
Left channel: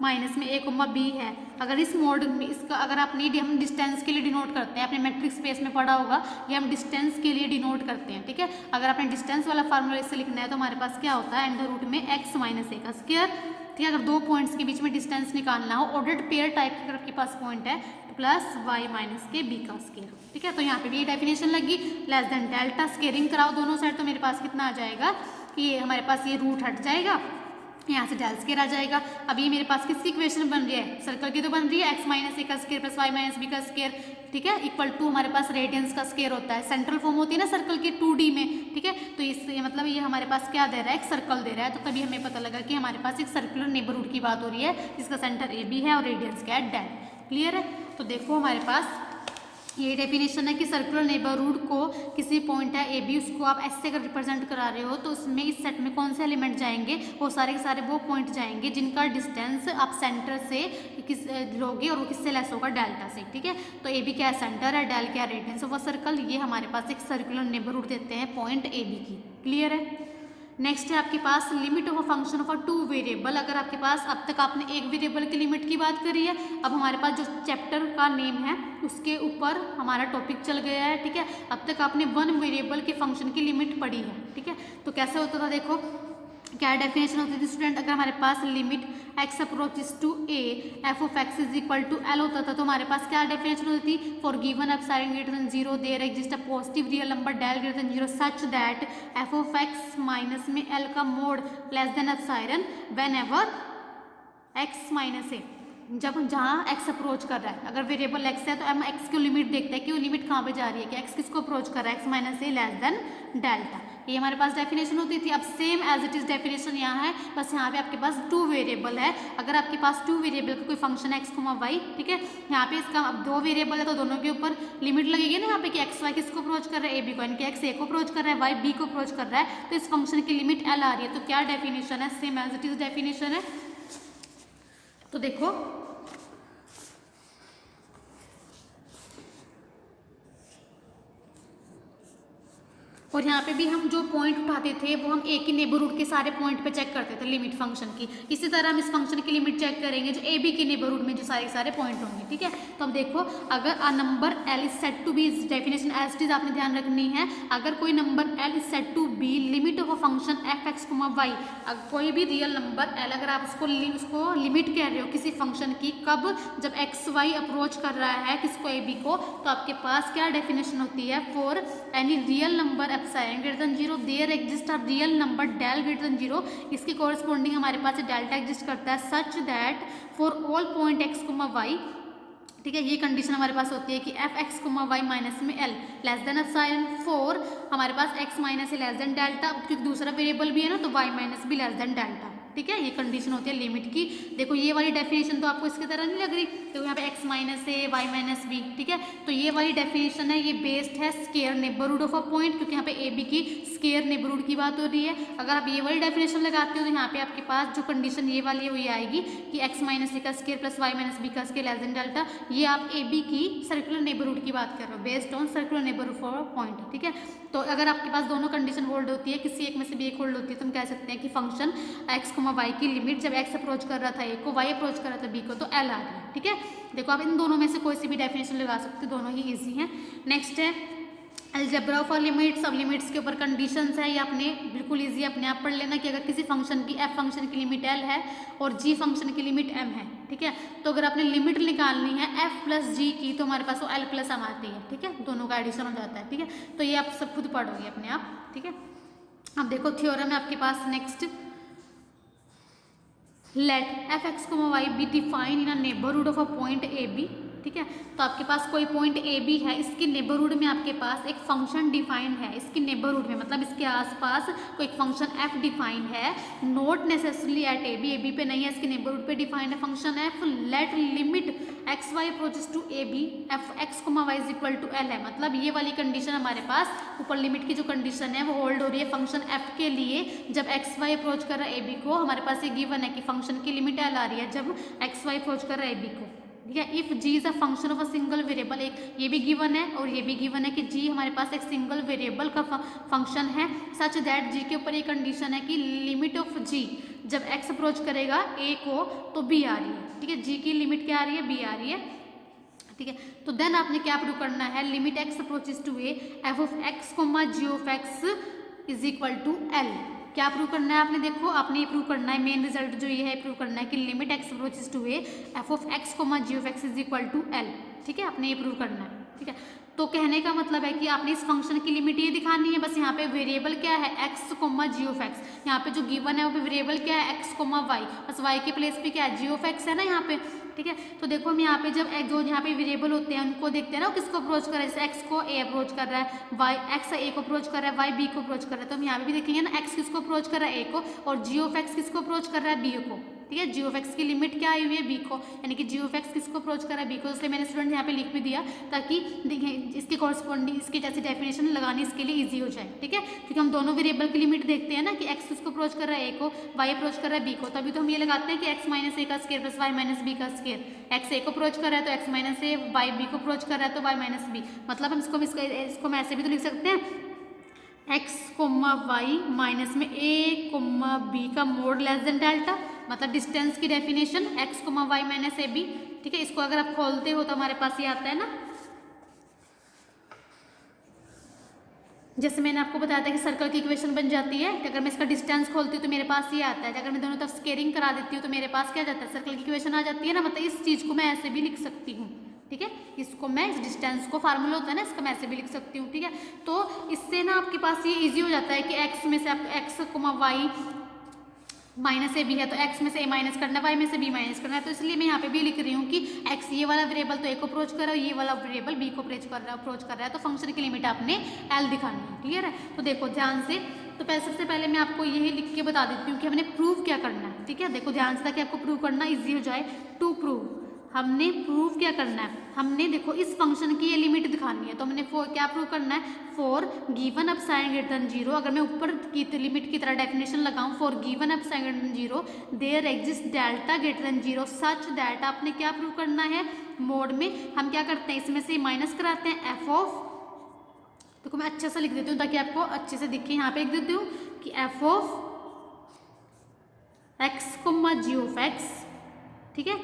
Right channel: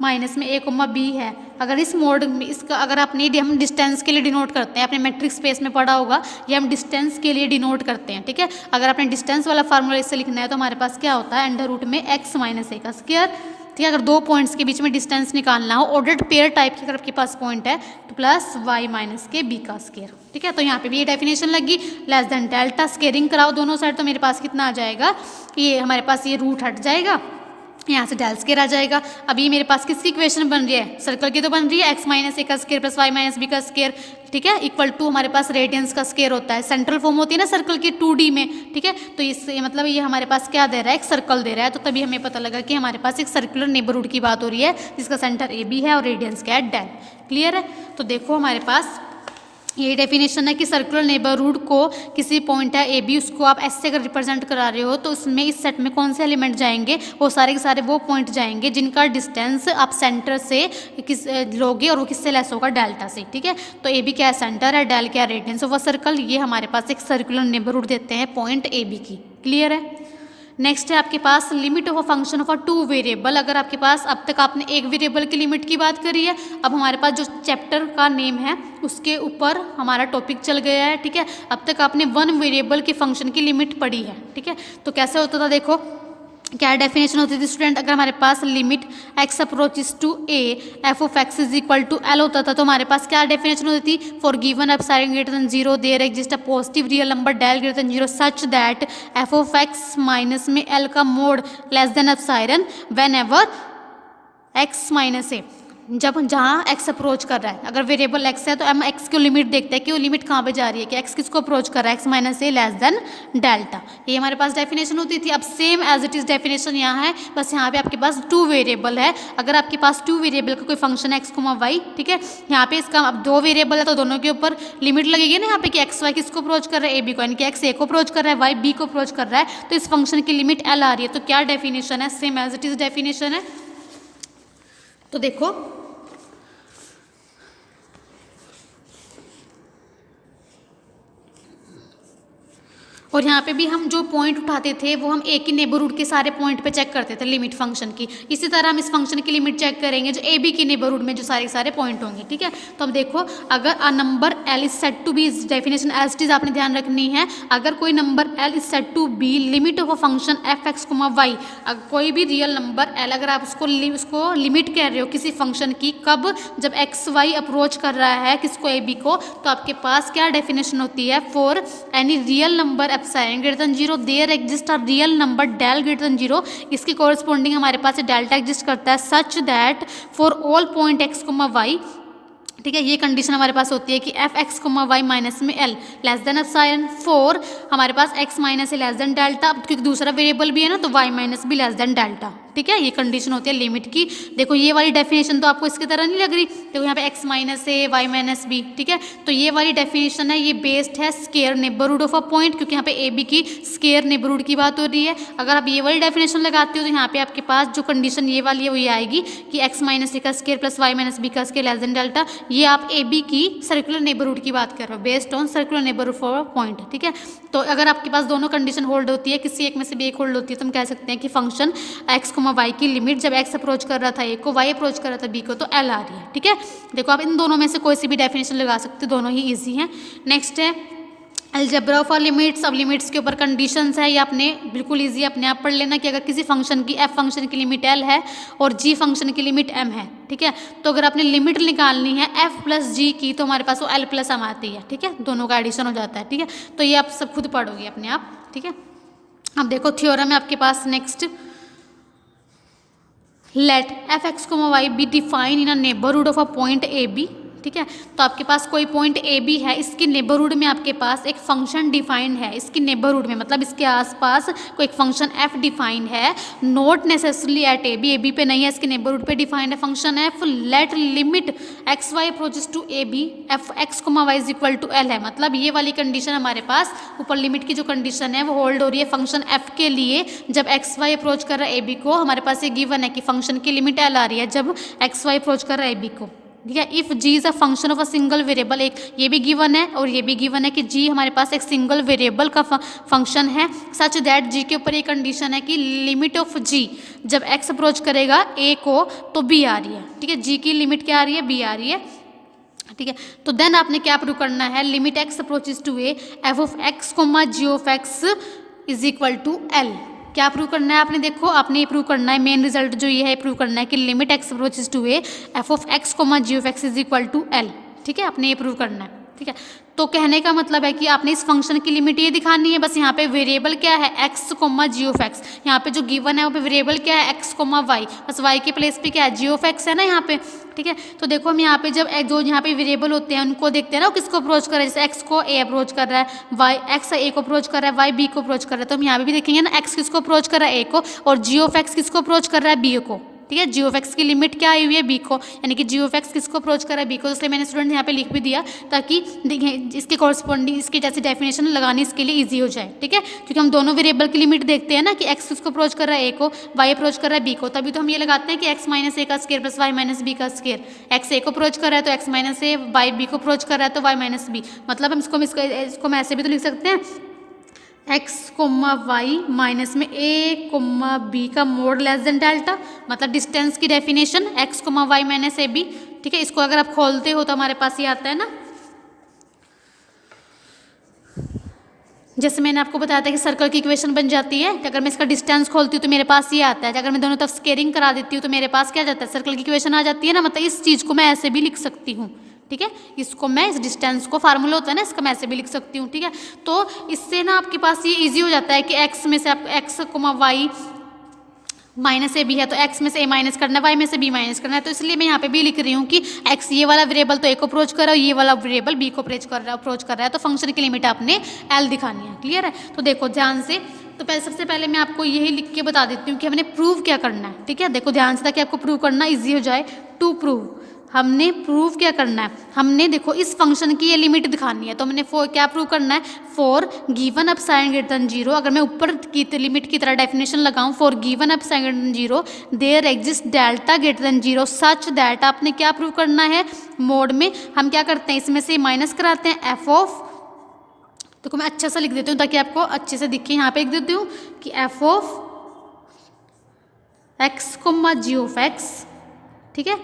माइनस में a कोमा b है। अगर इस मोड में इसका अगर आपने हम डिस्टेंस के लिए डिनोट करते हैं, आपने मैट्रिक स्पेस में पढ़ा होगा, ये हम डिस्टेंस के लिए डिनोट करते हैं, ठीक है। अगर आपने डिस्टेंस वाला फार्मूला इससे लिखना है तो हमारे पास क्या होता है, अंडर रूट में x माइनस ए का स्क्वायर, ठीक है। अगर दो पॉइंट्स के बीच में डिस्टेंस निकालना हो, ऑर्डर्ड पेयर टाइप की अगर आपके पास पॉइंट है तो प्लस y माइनस के b का स्क्वायर, ठीक है। तो यहाँ पे भी ये डेफिनेशन लगी, लेस देन डेल्टा, स्केयरिंग कराओ दोनों साइड तो मेरे पास कितना आ जाएगा, ये हमारे पास ये रूट हट जाएगा, यहाँ से डेल स्केयर आ जाएगा। अब ये मेरे पास किसकी इक्वेशन बन रही है, सर्कल की तो बन रही है, एक्स माइनस ए का square plus Y minus B का स्केयर, ठीक है, इक्वल टू हमारे पास रेडियंस का स्केयर होता है, सेंट्रल फॉर्म होती है ना सर्कल की 2D में, ठीक है। तो इससे मतलब ये हमारे पास क्या दे रहा है, एक सर्कल दे रहा है, तो तभी हमें पता लगा कि हमारे पास एक सर्कुलर नेबरहुड की बात हो रही है जिसका सेंटर ए बी है और रेडियंस क्या है, डेल। क्लियर है। तो देखो हमारे पास ये डेफिनेशन है कि सर्कुलर नेबरहुड को किसी पॉइंट है ए बी, उसको आप ऐसे अगर रिप्रेजेंट करा रहे हो तो उसमें इस सेट में कौन से एलिमेंट जाएंगे, वो सारे के सारे वो पॉइंट जाएंगे जिनका डिस्टेंस आप सेंटर से किस लोगे और वो किससे लेस होगा, डेल्टा से, ठीक है। तो ए बी क्या है, सेंटर है, डेल क्या है, रेडियंस ऑफ अ सर्कल। ये हमारे पास एक सर्कुलर नेबरहुड देते हैं पॉइंट ए बी की। क्लियर है। नेक्स्ट है आपके पास limit of a function of a 2 variable. अगर आपके पास अब तक आपने एक वेरिएबल की लिमिट की बात करी है, अब हमारे पास जो चैप्टर का नेम है उसके ऊपर हमारा टॉपिक चल गया है, ठीक है। अब तक आपने 1 वेरिएबल के फंक्शन की लिमिट पढ़ी है, ठीक है। तो कैसे होता था, देखो क्या डेफिनेशन होती थी स्टूडेंट, अगर हमारे पास limit x approaches to a f of x is equal to l होता था तो हमारे पास क्या डेफिनेशन होती थी, for given epsilon greater than 0 there exist a positive real number del greater than 0 such that f of x minus में l का mod less than epsilon whenever x minus A, जब जहाँ x approach कर रहा है, अगर variable x है तो हम x की लिमिट देखते हैं कि वो लिमिट कहाँ पे जा रही है, कि x किसको अप्रोच कर रहा है, x minus A less than delta. ये हमारे पास डेफिनेशन होती थी। अब same as it is definition यहाँ है, बस यहाँ पे आपके पास 2 वेरिएबल है। अगर आपके पास 2 वेरिएबल का कोई फंक्शन है x, y, ठीक है, यहाँ पे इसका अब 2 वेरिएबल है तो दोनों के ऊपर लिमिट लगेगी ना यहाँ पे कि x y किसको अप्रोच कर रहा है, ए बी को, यानी कि x ए को अप्रोच कर रहा है, y बी को अप्रोच कर रहा है, तो इस फंक्शन की लिमिट l आ रही है। तो क्या डेफिनेशन है, same as it is definition है। तो देखो और यहाँ पे भी हम जो पॉइंट उठाते थे वो हम एक ही नेबरहुड के सारे पॉइंट पे चेक करते थे लिमिट फंक्शन की। इसी तरह हम इस फंक्शन की लिमिट चेक करेंगे जो ए बी के नेबरहुड में जो सारे सारे पॉइंट होंगे, ठीक है। तो अब देखो अगर a number L is set to be, definition as it is आपने ध्यान रखनी है, अगर कोई number L is set to be limit of a function F X comma Y, कोई भी रियल नंबर एल अगर आप उसको लिमिट कह रहे हो किसी फंक्शन की, कब, जब एक्स वाई अप्रोच कर रहा है किसको, ए बी को, तो आपके पास क्या डेफिनेशन होती है, for any real number epsilon greater than 0 there exist a real number del greater than 0, इसकी कॉरस्पॉन्डिंग हमारे पास डेल्टा एग्जिस्ट करता है, such that for all point X comma Y, ठीक है। ये कंडीशन हमारे पास होती है कि F X comma Y minus में L less than epsilon, for हमारे पास X minus A less than delta, क्योंकि दूसरा वेरिएबल भी है ना तो वाई माइनस भी लेस देन डेल्टा, ठीक है। ये कंडीशन होती है लिमिट की। देखो ये वाली डेफिनेशन तो आपको इसकी तरह नहीं लग रही, देखो यहाँ पे x minus A Y minus B, ठीक है। तो ये वाली डेफिनेशन है, ये बेस्ड है square neighbourhood of a point, क्योंकि यहाँ पे ए बी की स्केयर नेबरहुड की बात हो रही है। अगर आप ये वाली डेफिनेशन लगाते हो तो यहाँ पे आपके पास जो कंडीशन ये वाली है वो ये आएगी कि एक्स माइनस ए का square plus Y minus B का स्केयर लेस देन डेल्टा। ये आप ए बी की सर्कुलर नेबरहुड की बात कर रहे हो based on circular neighbourhood for a point, ठीक है। तो अगर आपके पास दोनों कंडीशन होल्ड होती है, किसी एक में से भी एक होल्ड होती है, तो हम कह सकते हैं कि फंक्शन एक्स कोमा वाई की लिमिट जब x अप्रोच कर रहा था a को, y अप्रोच कर रहा था b को, तो l आ रही है, ठीक है। देखो आप इन दोनों में से कोई सी भी डेफिनेशन लगा सकते हो, दोनों ही इजी हैं। नेक्स्ट है अलजेब्रा ऑफ लिमिट्स। अब लिमिट्स के ऊपर कंडीशंस है, ये आपने बिल्कुल इजी अपने आप पढ़ लेना कि अगर किसी फंक्शन की f फंक्शन की लिमिट l है और g फंक्शन की लिमिट m है, ठीक है, तो अगर आपने लिमिट निकालनी है f प्लस g की तो हमारे पास वो l प्लस m आती है, ठीक है, दोनों का एडिशन हो जाता है, ठीक है। तो ये आप सब खुद पढ़ोगे अपने आप, ठीक है। अब देखो थ्योरम है आपके पास next, let F X comma Y be define in a neighbourhood of a point A B, ठीक है। तो आपके पास कोई पॉइंट ए बी है, इसकी नेबरहुड में आपके पास एक फंक्शन डिफाइंड है, इसकी नेबरहुड में मतलब इसके आसपास कोई एक फंक्शन एफ डिफाइंड है, not necessarily at A B पे नहीं है, इसके नेबरहुड पे डिफाइंड है function F. Let limit X Y approaches to A B F X comma Y is equal to L है, मतलब ये वाली कंडीशन हमारे पास ऊपर लिमिट की जो कंडीशन है वो होल्ड हो रही है फंक्शन एफ के लिए। जब एक्स वाई अप्रोच कर रहा है ए बी को, हमारे पास ये गिवन है कि फंक्शन की लिमिट एल आ रही है जब एक्स वाई अप्रोच कर रहा है ए बी को, ठीक है। If G is a function of a single variable, एक ये भी गिवन है और ये भी गिवन है कि जी हमारे पास एक सिंगल वेरिएबल का फंक्शन है, सच दैट जी के ऊपर ये कंडीशन है कि लिमिट ऑफ जी जब एक्स अप्रोच करेगा ए को तो बी आ रही है, ठीक है। जी की लिमिट क्या आ रही है, बी आ रही है, ठीक है। तो देन आपने क्या प्रूव करना है, limit X approaches to A F of X comma G of X is equal to L. क्या प्रूव करना है आपने, देखो आपने ये प्रूव करना है, मेन रिजल्ट जो ये है प्रूव करना है कि limit X approaches to A F of X comma G of X is equal to L, ठीक है। आपने ये प्रूव करना है, ठीक है। तो कहने का मतलब है कि आपने इस फंक्शन की लिमिट ये दिखानी है, बस यहाँ पे वेरिएबल क्या है X comma G of X, यहाँ पे जो गिवन है वो पे वेरिएबल क्या है एक्स कोमा वाई, बस वाई के प्लेस पे क्या है जी ऑफ एक्स है ना यहाँ पे, ठीक है। तो देखो हम यहाँ पे जब जो यहाँ पे वेरिएबल होते हैं उनको देखते हैं ना, किसको अप्रोच कर रहा है, जैसे एक्स को ए अप्रोच कर रहा है, वाई एक्स ए को अप्रोच कर रहा है, वाई बी को अप्रोच कर रहा है, तो हम यहाँ पे भी देखेंगे ना एक्स किसको अप्रोच कर रहा है ए को, और जी ऑफ एक्स किसको अप्रोच कर रहा है बी को, ठीक है। जी ऑफ एक्स की लिमिट क्या आई हुई है बी को, यानी कि जी ऑफ एक्स किसको अप्रोच कर रहा है बी को, इसलिए मैंने स्टूडेंट यहाँ पे लिख भी दिया ताकि देखिए इसके कॉरस्पॉन्डिंग इसकी जैसे डेफिनेशन लगानी इसके लिए इजी हो जाए, ठीक है। क्योंकि हम दोनों वेरिएबल की लिमिट देखते हैं ना कि एक्स किसको अप्रोच कर रहा है ए को, वाई अप्रोच कर रहा है बी को, तभी तो हम ये लगाते हैं कि एक्स माइनस ए का square plus Y minus B का स्केयर, एक्स ए को अप्रोच कर रहा है तो X minus A, Y B को अप्रोच कर रहा है तो वाई माइनस बी, मतलब हम इसको मैं ऐसे भी तो लिख सकते हैं एक्स कोमा वाई माइनस में ए कोमा बी का मोड लेस देन डेल्टा, मतलब डिस्टेंस की definition X comma Y minus A B, ठीक है। इसको अगर आप खोलते हो तो हमारे पास ये आता है ना, जैसे मैंने आपको बताया था कि सर्कल की इक्वेशन बन जाती है, अगर मैं इसका डिस्टेंस खोलती हूँ तो मेरे पास ये आता है, अगर मैं दोनों तरफ स्केयरिंग करा देती हूँ तो मेरे पास क्या जाता है सर्कल की इक्वेशन आ जाती है ना, मतलब इस चीज़ को मैं ऐसे भी लिख सकती हूँ, ठीक है। इसको मैं इस डिस्टेंस को फार्मूला होता है ना इसका मैं ऐसे भी लिख सकती हूँ, ठीक है। तो इससे ना आपके पास ये इजी हो जाता है कि एक्स में से आप X comma Y minus A B है तो एक्स में से ए माइनस करना है, वाई में से बी माइनस करना है, तो इसलिए मैं यहाँ पे भी लिख रही हूँ कि एक्स ये वाला वेरिएबल तो ए को अप्रोच कर रहा है, ये वाला वेरिएबल बी को अप्रोच कर रहा है, तो फंक्शन की लिमिट आपने एल दिखानी है, क्लियर है। तो देखो ध्यान से, तो सबसे पहले मैं आपको यही लिख के बता देती हूँ कि हमने प्रूव क्या करना है, ठीक है। देखो ध्यान से ताकि आपको प्रूव करना ईजी हो जाए, टू प्रूव हमने प्रूव क्या करना है, हमने देखो इस फंक्शन की ये लिमिट दिखानी है, तो हमने क्या प्रूव करना है, for given epsilon greater than zero, अगर मैं ऊपर की लिमिट की तरह डेफिनेशन लगाऊं, for given epsilon greater than zero there exist delta greater than zero such that, आपने क्या प्रूव करना है, मोड में हम क्या करते हैं इसमें से माइनस कराते हैं एफ ऑफ, देखो मैं अच्छा सा लिख देती हूँ ताकि आपको अच्छे से दिखे, यहाँ पे लिख देती हूँ कि F of X comma G of X, ठीक है,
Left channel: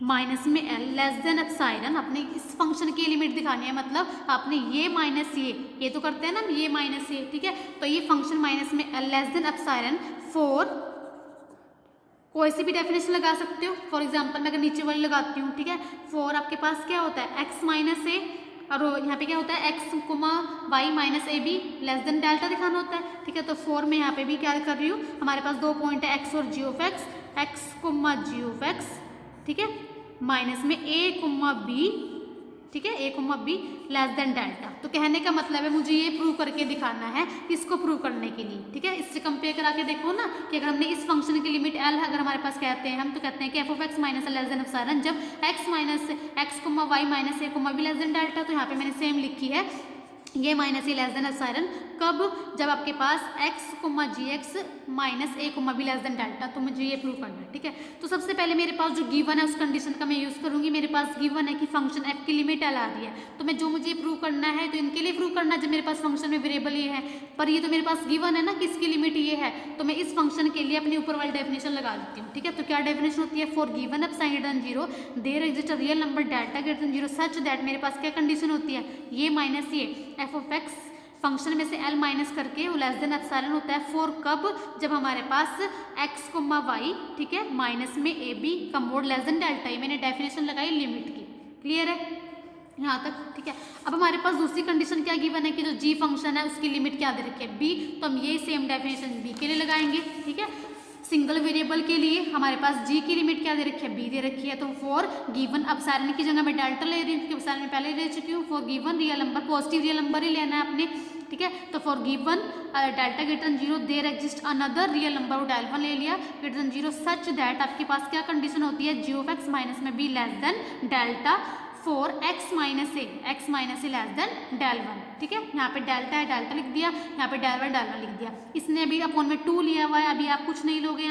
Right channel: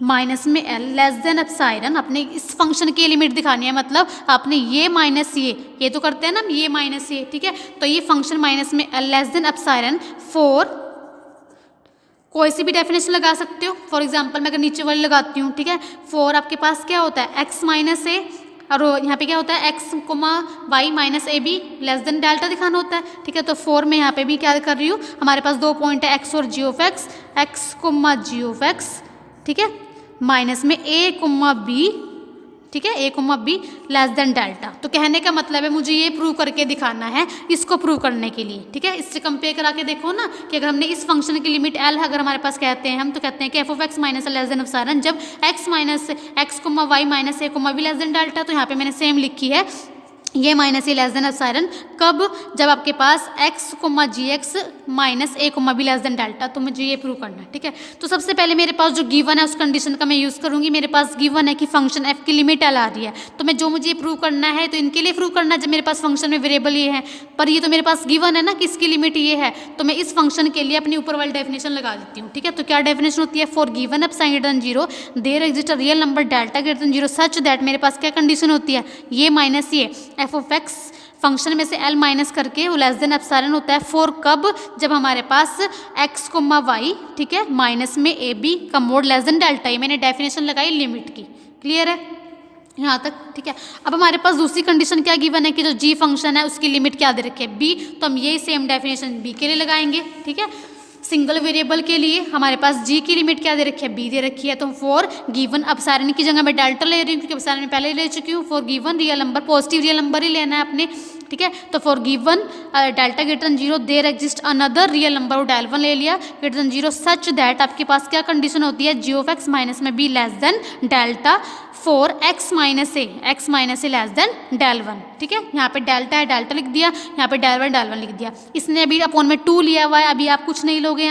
माइनस में एल लेस देन एप्सिलॉन, अपने इस फंक्शन की लिमिट दिखानी है, मतलब आपने ये माइनस ये तो करते हैं ना ये माइनस ये, ठीक है। तो ये फंक्शन माइनस में L less than epsilon for कोई सी भी डेफिनेशन लगा सकते हो, फॉर एग्जांपल मैं अगर नीचे वाली लगाती हूँ, ठीक है, फॉर आपके पास क्या होता है एक्स माइनस ए, और यहाँ पे क्या होता है X comma Y minus A B less than delta दिखाना होता है, ठीक है। तो फोर में यहाँ पे भी क्या कर रही हूँ, हमारे पास दो पॉइंट है एक्स और G of X, X comma G of X, ठीक है, माइनस में ए कोमा बी, ठीक है, A comma B less than delta. तो कहने का मतलब है मुझे ये प्रूव करके दिखाना है, इसको प्रूव करने के लिए, ठीक है। इससे कंपेयर करा के देखो ना कि अगर हमने इस फंक्शन की लिमिट एल अगर हमारे पास कहते हैं हम, तो कहते हैं कि F of X minus less than epsilon जब X minus X comma Y minus A comma B less than delta, तो यहाँ पे मैंने सेम लिखी है ये minus A less than epsilon कब, जब आपके पास X comma G X minus A comma B less than delta, तो मुझे ये प्रूव करना है, ठीक है। तो सबसे पहले मेरे पास जो गिवन है उस कंडीशन का मैं यूज़ करूंगी, मेरे पास गिवन है कि फंक्शन एफ की लिमिट एल आ रही है, तो मैं जो मुझे प्रूव करना है तो इनके लिए प्रूव करना है जब मेरे पास फंक्शन में वेरिएबल ये है, पर ये तो मेरे पास गिवन है ना कि इसकी लिमिट ये है, तो मैं इस फंक्शन के लिए अपनी ऊपर वाली डेफिनेशन लगा देती हूँ, ठीक है। तो क्या डेफिनेशन होती है, for given epsilon greater than zero there exist a real number delta greater than zero such that, मेरे पास क्या कंडीशन होती है, ये माइनस ये एफ ऑफ एक्स फंक्शन में से एल माइनस करके वो लेस देन एप्सिलॉन होता है, फॉर कब, जब हमारे पास एक्स कोमा वाई, ठीक है, माइनस में ए बी का मोड लेस देन डेल्टा, ये मैंने डेफिनेशन लगाई लिमिट की, क्लियर है यहाँ तक, ठीक है। अब हमारे पास दूसरी कंडीशन क्या गिवन है कि जो जी फंक्शन है उसकी लिमिट क्या दे रखी है बी, तो हम यही सेम डेफिनेशन बी के लिए लगाएंगे, ठीक है। सिंगल वेरिएबल के लिए हमारे पास जी की लिमिट क्या दे रखी है, बी दे रखी है, तो फॉर गिवन एप्सिलॉन की जगह मैं डेल्टा ले रही हूँ क्योंकि एप्सिलॉन में पहले ही ले चुकी हूँ, for given real number positive real number ही लेना है अपने, ठीक है। तो for given delta greater than zero there exist another real number, del one ले लिया greater than zero such that, आपके पास क्या कंडीशन होती है, जी ऑफ एक्स माइनस में B less than delta for X minus A less than del one, ठीक है। यहाँ पे डेल्टा है डेल्टा लिख दिया, यहाँ पे डेल वन लिख दिया, इसने अभी अपॉन में टू लिया हुआ है, अभी आप कुछ नहीं लोगे लोगे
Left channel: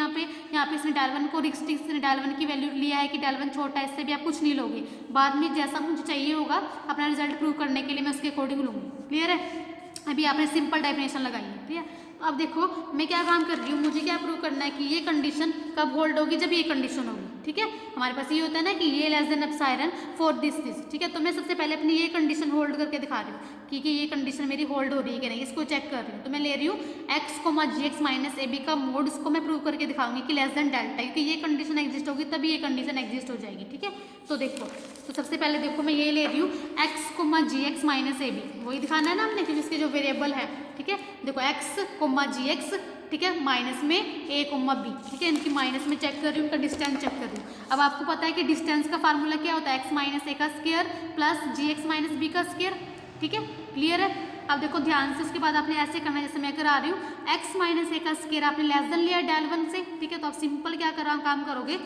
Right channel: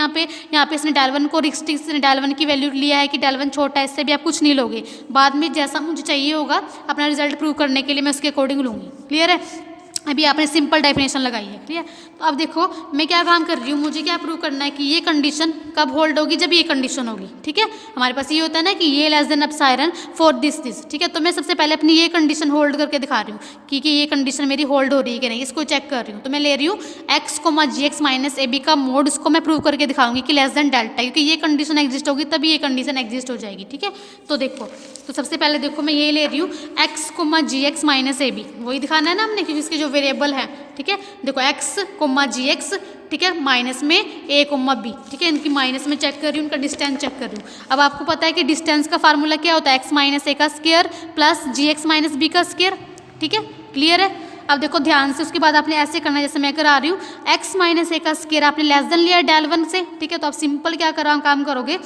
यहाँ पे इसने डेल वन को रिस्ट्रिक्ट डेल वन की वैल्यू लिया है कि डेल वन छोटा है, इससे भी आप कुछ नहीं लोगे। बाद में जैसा मुझे चाहिए होगा अपना रिजल्ट प्रूव करने के लिए मैं उसके अकॉर्डिंग लूँगी। क्लियर है? अभी आपने सिंपल डेफिनेशन लगाई है। ठीक है, तो अब देखो मैं क्या काम कर रही हूँ, मुझे क्या प्रूव करना है कि ये कंडीशन कब होल्ड होगी, जब ये कंडीशन होगी। ठीक है, हमारे पास ये होता है ना कि ये less than epsilon for this. ठीक है, तो मैं सबसे पहले अपनी ये कंडीशन होल्ड करके दिखा रही हूँ कि ये कंडीशन मेरी होल्ड हो रही है कि नहीं, इसको चेक कर रही हूँ। तो मैं ले रही हूँ X comma G X minus A B का मोड, इसको मैं प्रूव करके दिखाऊंगी कि लेस देन डेल्टा, क्योंकि ये कंडीशन एग्जिस्ट होगी तभी ये कंडीशन एग्जिस्ट हो जाएगी। ठीक है, तो देखो, तो सबसे पहले देखो मैं ये ले रही हूँ X comma G X minus A B, वही दिखाना है ना हमने, क्योंकि इसके जो वेरिएबल है। ठीक है, देखो एक्स कोमा जी एक्स, ठीक है, माइनस में ए कोमा बी। ठीक है, इनकी माइनस में चेक कर रही हूँ, उनका डिस्टेंस चेक कर रही हूँ। अब आपको पता है कि डिस्टेंस का फार्मूला क्या होता है, एक्स माइनस ए का स्क्वायर प्लस जी एक्स माइनस बी का स्क्वायर। ठीक है, क्लियर है? अब देखो ध्यान से, उसके बाद आपने ऐसे करना है जैसे मैं करा रही हूँ, एक्स माइनस ए का स्क्वायर आपने लेस देन लिया है डेल वन से। ठीक है, तो आप सिंपल क्या कर काम करोगे,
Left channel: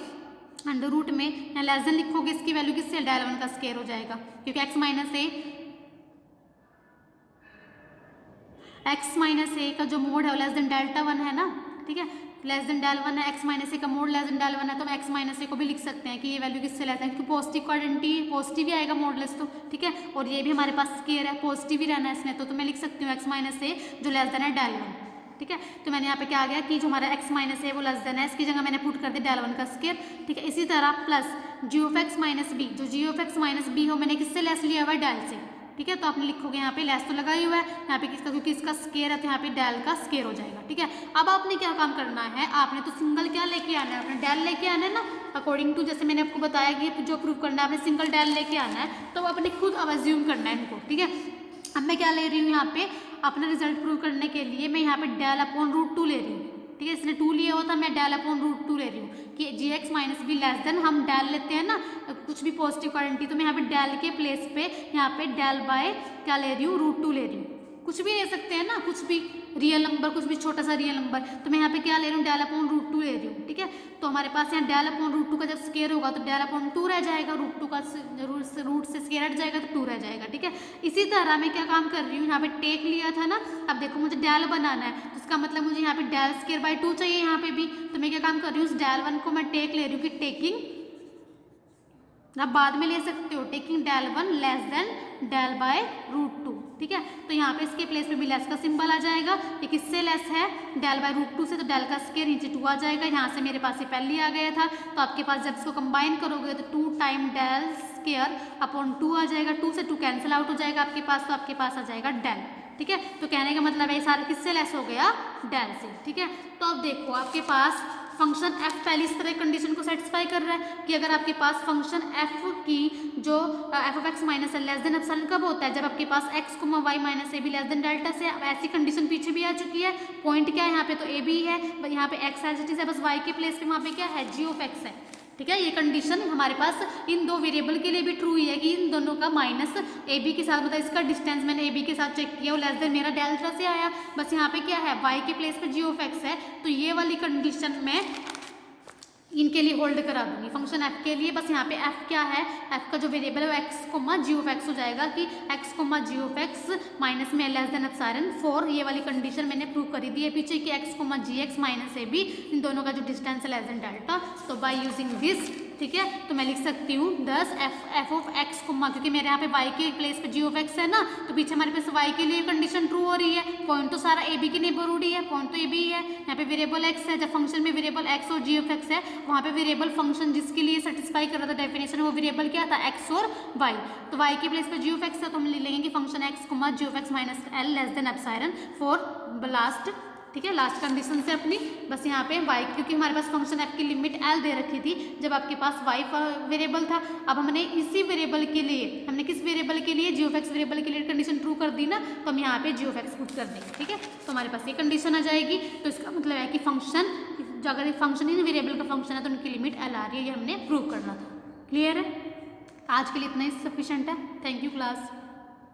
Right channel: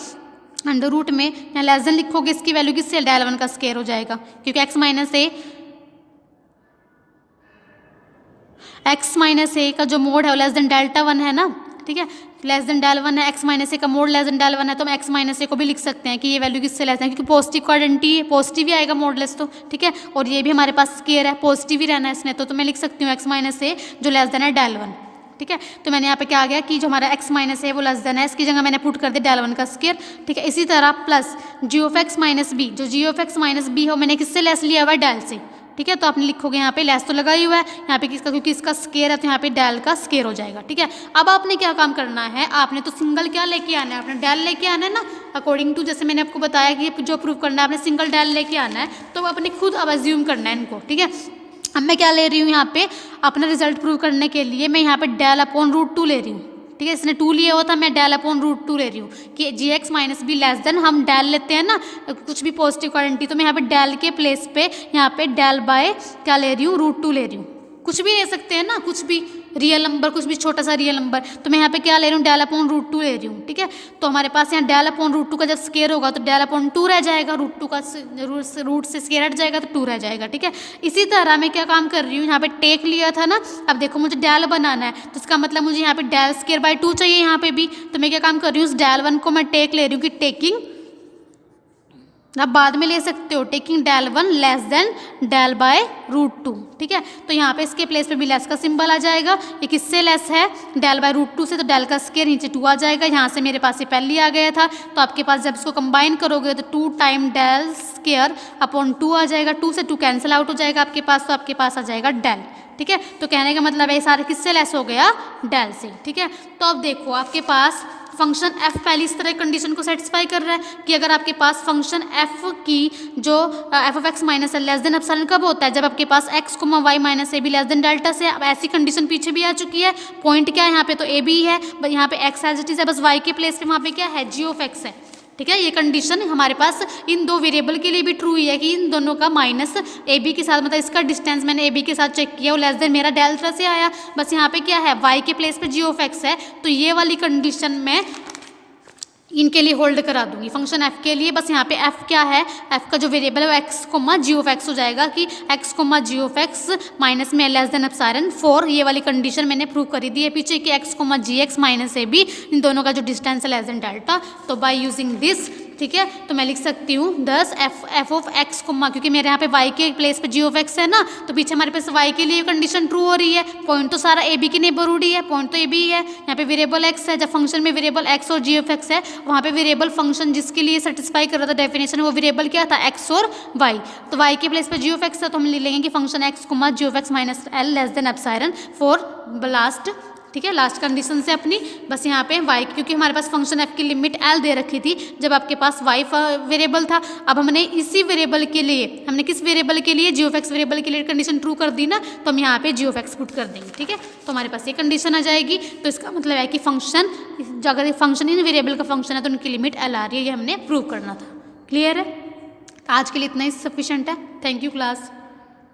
अंडर रूट में यहाँ लेस देन लिखोगे, इसकी वैल्यू किससे, डेल वन का स्क्वायर हो जाएगा, क्योंकि एक्स माइनस ए का जो मोड है वो लेस देन डेल्टा वन है ना। ठीक है, लेस देन डेल वन है, एक्स माइनस ए का mod less than del one है, तो हम एक्स माइनस ए को भी लिख सकते हैं कि ये वैल्यू किससे लेस है, क्योंकि पॉजिटिव का आइडेंटिटी है, पॉजिटिव ही आएगा मोडलेस तो। ठीक है, और ये भी हमारे पास स्क्वायर है, पॉजिटिव ही रहना है इसने, तो मैं लिख सकती हूँ एक्स माइनस ए जो लेस देन है डेल वन। ठीक है, तो मैंने यहाँ पे क्या आ गया कि जो हमारा एक्स माइनस है वो लेस देन है, इसकी जगह मैंने पुट कर दिया डेल वन का स्क्वायर। ठीक है, इसी तरह plus G of X minus B, जो G of X minus B हो मैंने किससे लेस लिया हुआ है, डेल से। ठीक है, तो आपने लिखोगे यहाँ पे लेस तो लगा ही हुआ है यहाँ पे किसका, क्योंकि इसका स्क्वायर है तो यहाँ पे डेल का स्क्वायर हो जाएगा। ठीक है, अब आपने क्या काम करना है, आपने तो सिंगल क्या लेके आना है, आपने डेल लेके आना है ना, अकॉर्डिंग टू जैसे मैंने आपको बताया कि जो प्रूव करना है आपने सिंगल डेल लेके आना है, तो आपने खुद अब अज्यूम करना है इनको। ठीक है, अब मैं क्या ले रही हूँ यहाँ पे, अपना रिजल्ट प्रूव करने के लिए मैं यहाँ पे डेल अपॉन रूट टू ले रही हूँ। ठीक है, इसने 2 लिया हुआ था, मैं डेल अपॉन रूट 2 ले रही हूँ कि G X minus B less than, हम डेल लेते हैं ना कुछ भी पॉजिटिव क्वांटिटी, तो मैं यहाँ पे डेल के प्लेस पे यहाँ पे डेल बाय क्या ले रही हूँ, रूट 2 ले रही हूँ। कुछ भी ले सकते हैं ना, कुछ भी रियल नंबर, कुछ भी छोटा सा रियल नंबर, तो मैं यहाँ पे क्या ले रही हूँ, डेल अपॉन रूट 2 ले रही हूँ। ठीक है, तो हमारे पास यहाँ डेल अपॉन रूट 2 का जब स्क्वायर होगा तो डेल अपॉन 2 रह जाएगा, रूट 2 का रूट से स्क्वायर हट जाएगा तो 2 रह जाएगा। ठीक है, इसी तरह मैं क्या काम कर रही हूँ, यहाँ पे टेक लिया था ना, अब देखो मुझे डेल बनाना है, तो इसका मतलब मुझे यहाँ पे डेल स्क्वायर बाय 2 चाहिए यहाँ पे भी, तो मैं क्या काम कर रही हूँ, उस डेल वन को मैं टेक ले रही हूँ कि टेकिंग, आप बाद में ले सकते हो, taking del one less than del by root 2। ठीक है, तो यहाँ पे इसके प्लेस पे भी लेस का सिंबल आ जाएगा, ये किससे लेस है, डेल बाय रूट 2 से, तो डेल का स्क्वायर नीचे 2 आ जाएगा, यहाँ से मेरे पास ये पहले ही आ गया था, तो आपके पास जब इसको कंबाइन करोगे तो 2 टाइम डेल स्क्वायर अपॉन 2 आ जाएगा, 2 से 2 कैंसिल आउट हो जाएगा आपके पास, तो आपके पास आ जाएगा डेल। ठीक है, तो कहने का मतलब है सारे किससे लेस हो गया, डेल से। ठीक है, तो अब देखो आपके पास फंक्शन f पहली इस तरह कंडीशन को सेटिस्फाई कर रहा है कि अगर आपके पास फंक्शन f की जो f ऑफ x माइनस है लेस देन एप्सिलॉन कब होता है, जब आपके पास x comma y minus A B less than delta से। अब ऐसी कंडीशन पीछे भी आ चुकी है, पॉइंट क्या है यहाँ पे, तो ए बी है, यहाँ पे x एज इट इज है, बस y के प्लेस पे वहाँ पे क्या है, g ऑफ x है। ठीक है, ये कंडीशन हमारे पास इन दो वेरिएबल के लिए भी ट्रू ही है कि इन दोनों का माइनस ए बी के साथ, मतलब इसका डिस्टेंस मैंने ए बी के साथ चेक किया, वो लेस देन मेरा डेल्टा से आया, बस यहाँ पे क्या है, y के प्लेस पे g ऑफ x है, तो ये वाली कंडीशन में इनके लिए होल्ड करा दूंगी फंक्शन f के लिए। बस यहाँ पे f क्या है, f का जो वेरिएबल है वो x comma G of x हो जाएगा कि x comma G of x minus में लेस देन एप्सिलॉन 4, ये वाली कंडीशन मैंने प्रूव करी दी है पीछे कि x comma G X minus A B, इन दोनों का जो डिस्टेंस है लेस देन डेल्टा। तो बाय यूजिंग दिस, ठीक है, तो मैं लिख सकती हूँ दस f ऑफ x कोमा, क्योंकि मेरे यहाँ पे y के प्लेस पे g ऑफ x है ना, तो पीछे हमारे पास y के लिए कंडीशन ट्रू हो रही है, पॉइंट तो सारा ए बी की नेबरहुड ही है, पॉइंट तो ए बी है, यहाँ पे वेरिएबल x है, जब फंक्शन में वेरिएबल x और g ऑफ x है, वहाँ पे वेरिएबल फंक्शन जिसके लिए सेटिस्फाई कर रहा था डेफिनेशन, वो वेरिएबल क्या था, x और y, तो y के प्लेस पे g ऑफ x है, तो हम ले लेंगे कि function x comma g of x minus L less than epsilon for last. ठीक है, लास्ट कंडीशन से अपनी, बस यहाँ पे y, क्योंकि हमारे पास फंक्शन f की लिमिट l दे रखी थी जब आपके पास y वेरिएबल था। अब हमने इसी वेरिएबल के लिए, हमने किस वेरिएबल के लिए, g ऑफ x वेरिएबल के लिए कंडीशन ट्रू कर दी ना, तो हम यहाँ पे g ऑफ x पुट कर देंगे। ठीक है, तो हमारे पास ये कंडीशन आ जाएगी, तो इसका मतलब है कि फंक्शन, अगर फंक्शन इन वेरिएबल का फंक्शन है तो उनकी लिमिट l आ रही है, ये हमने प्रूव करना था। क्लियर है? आज के लिए इतना ही सफिशेंट है। Thank you class.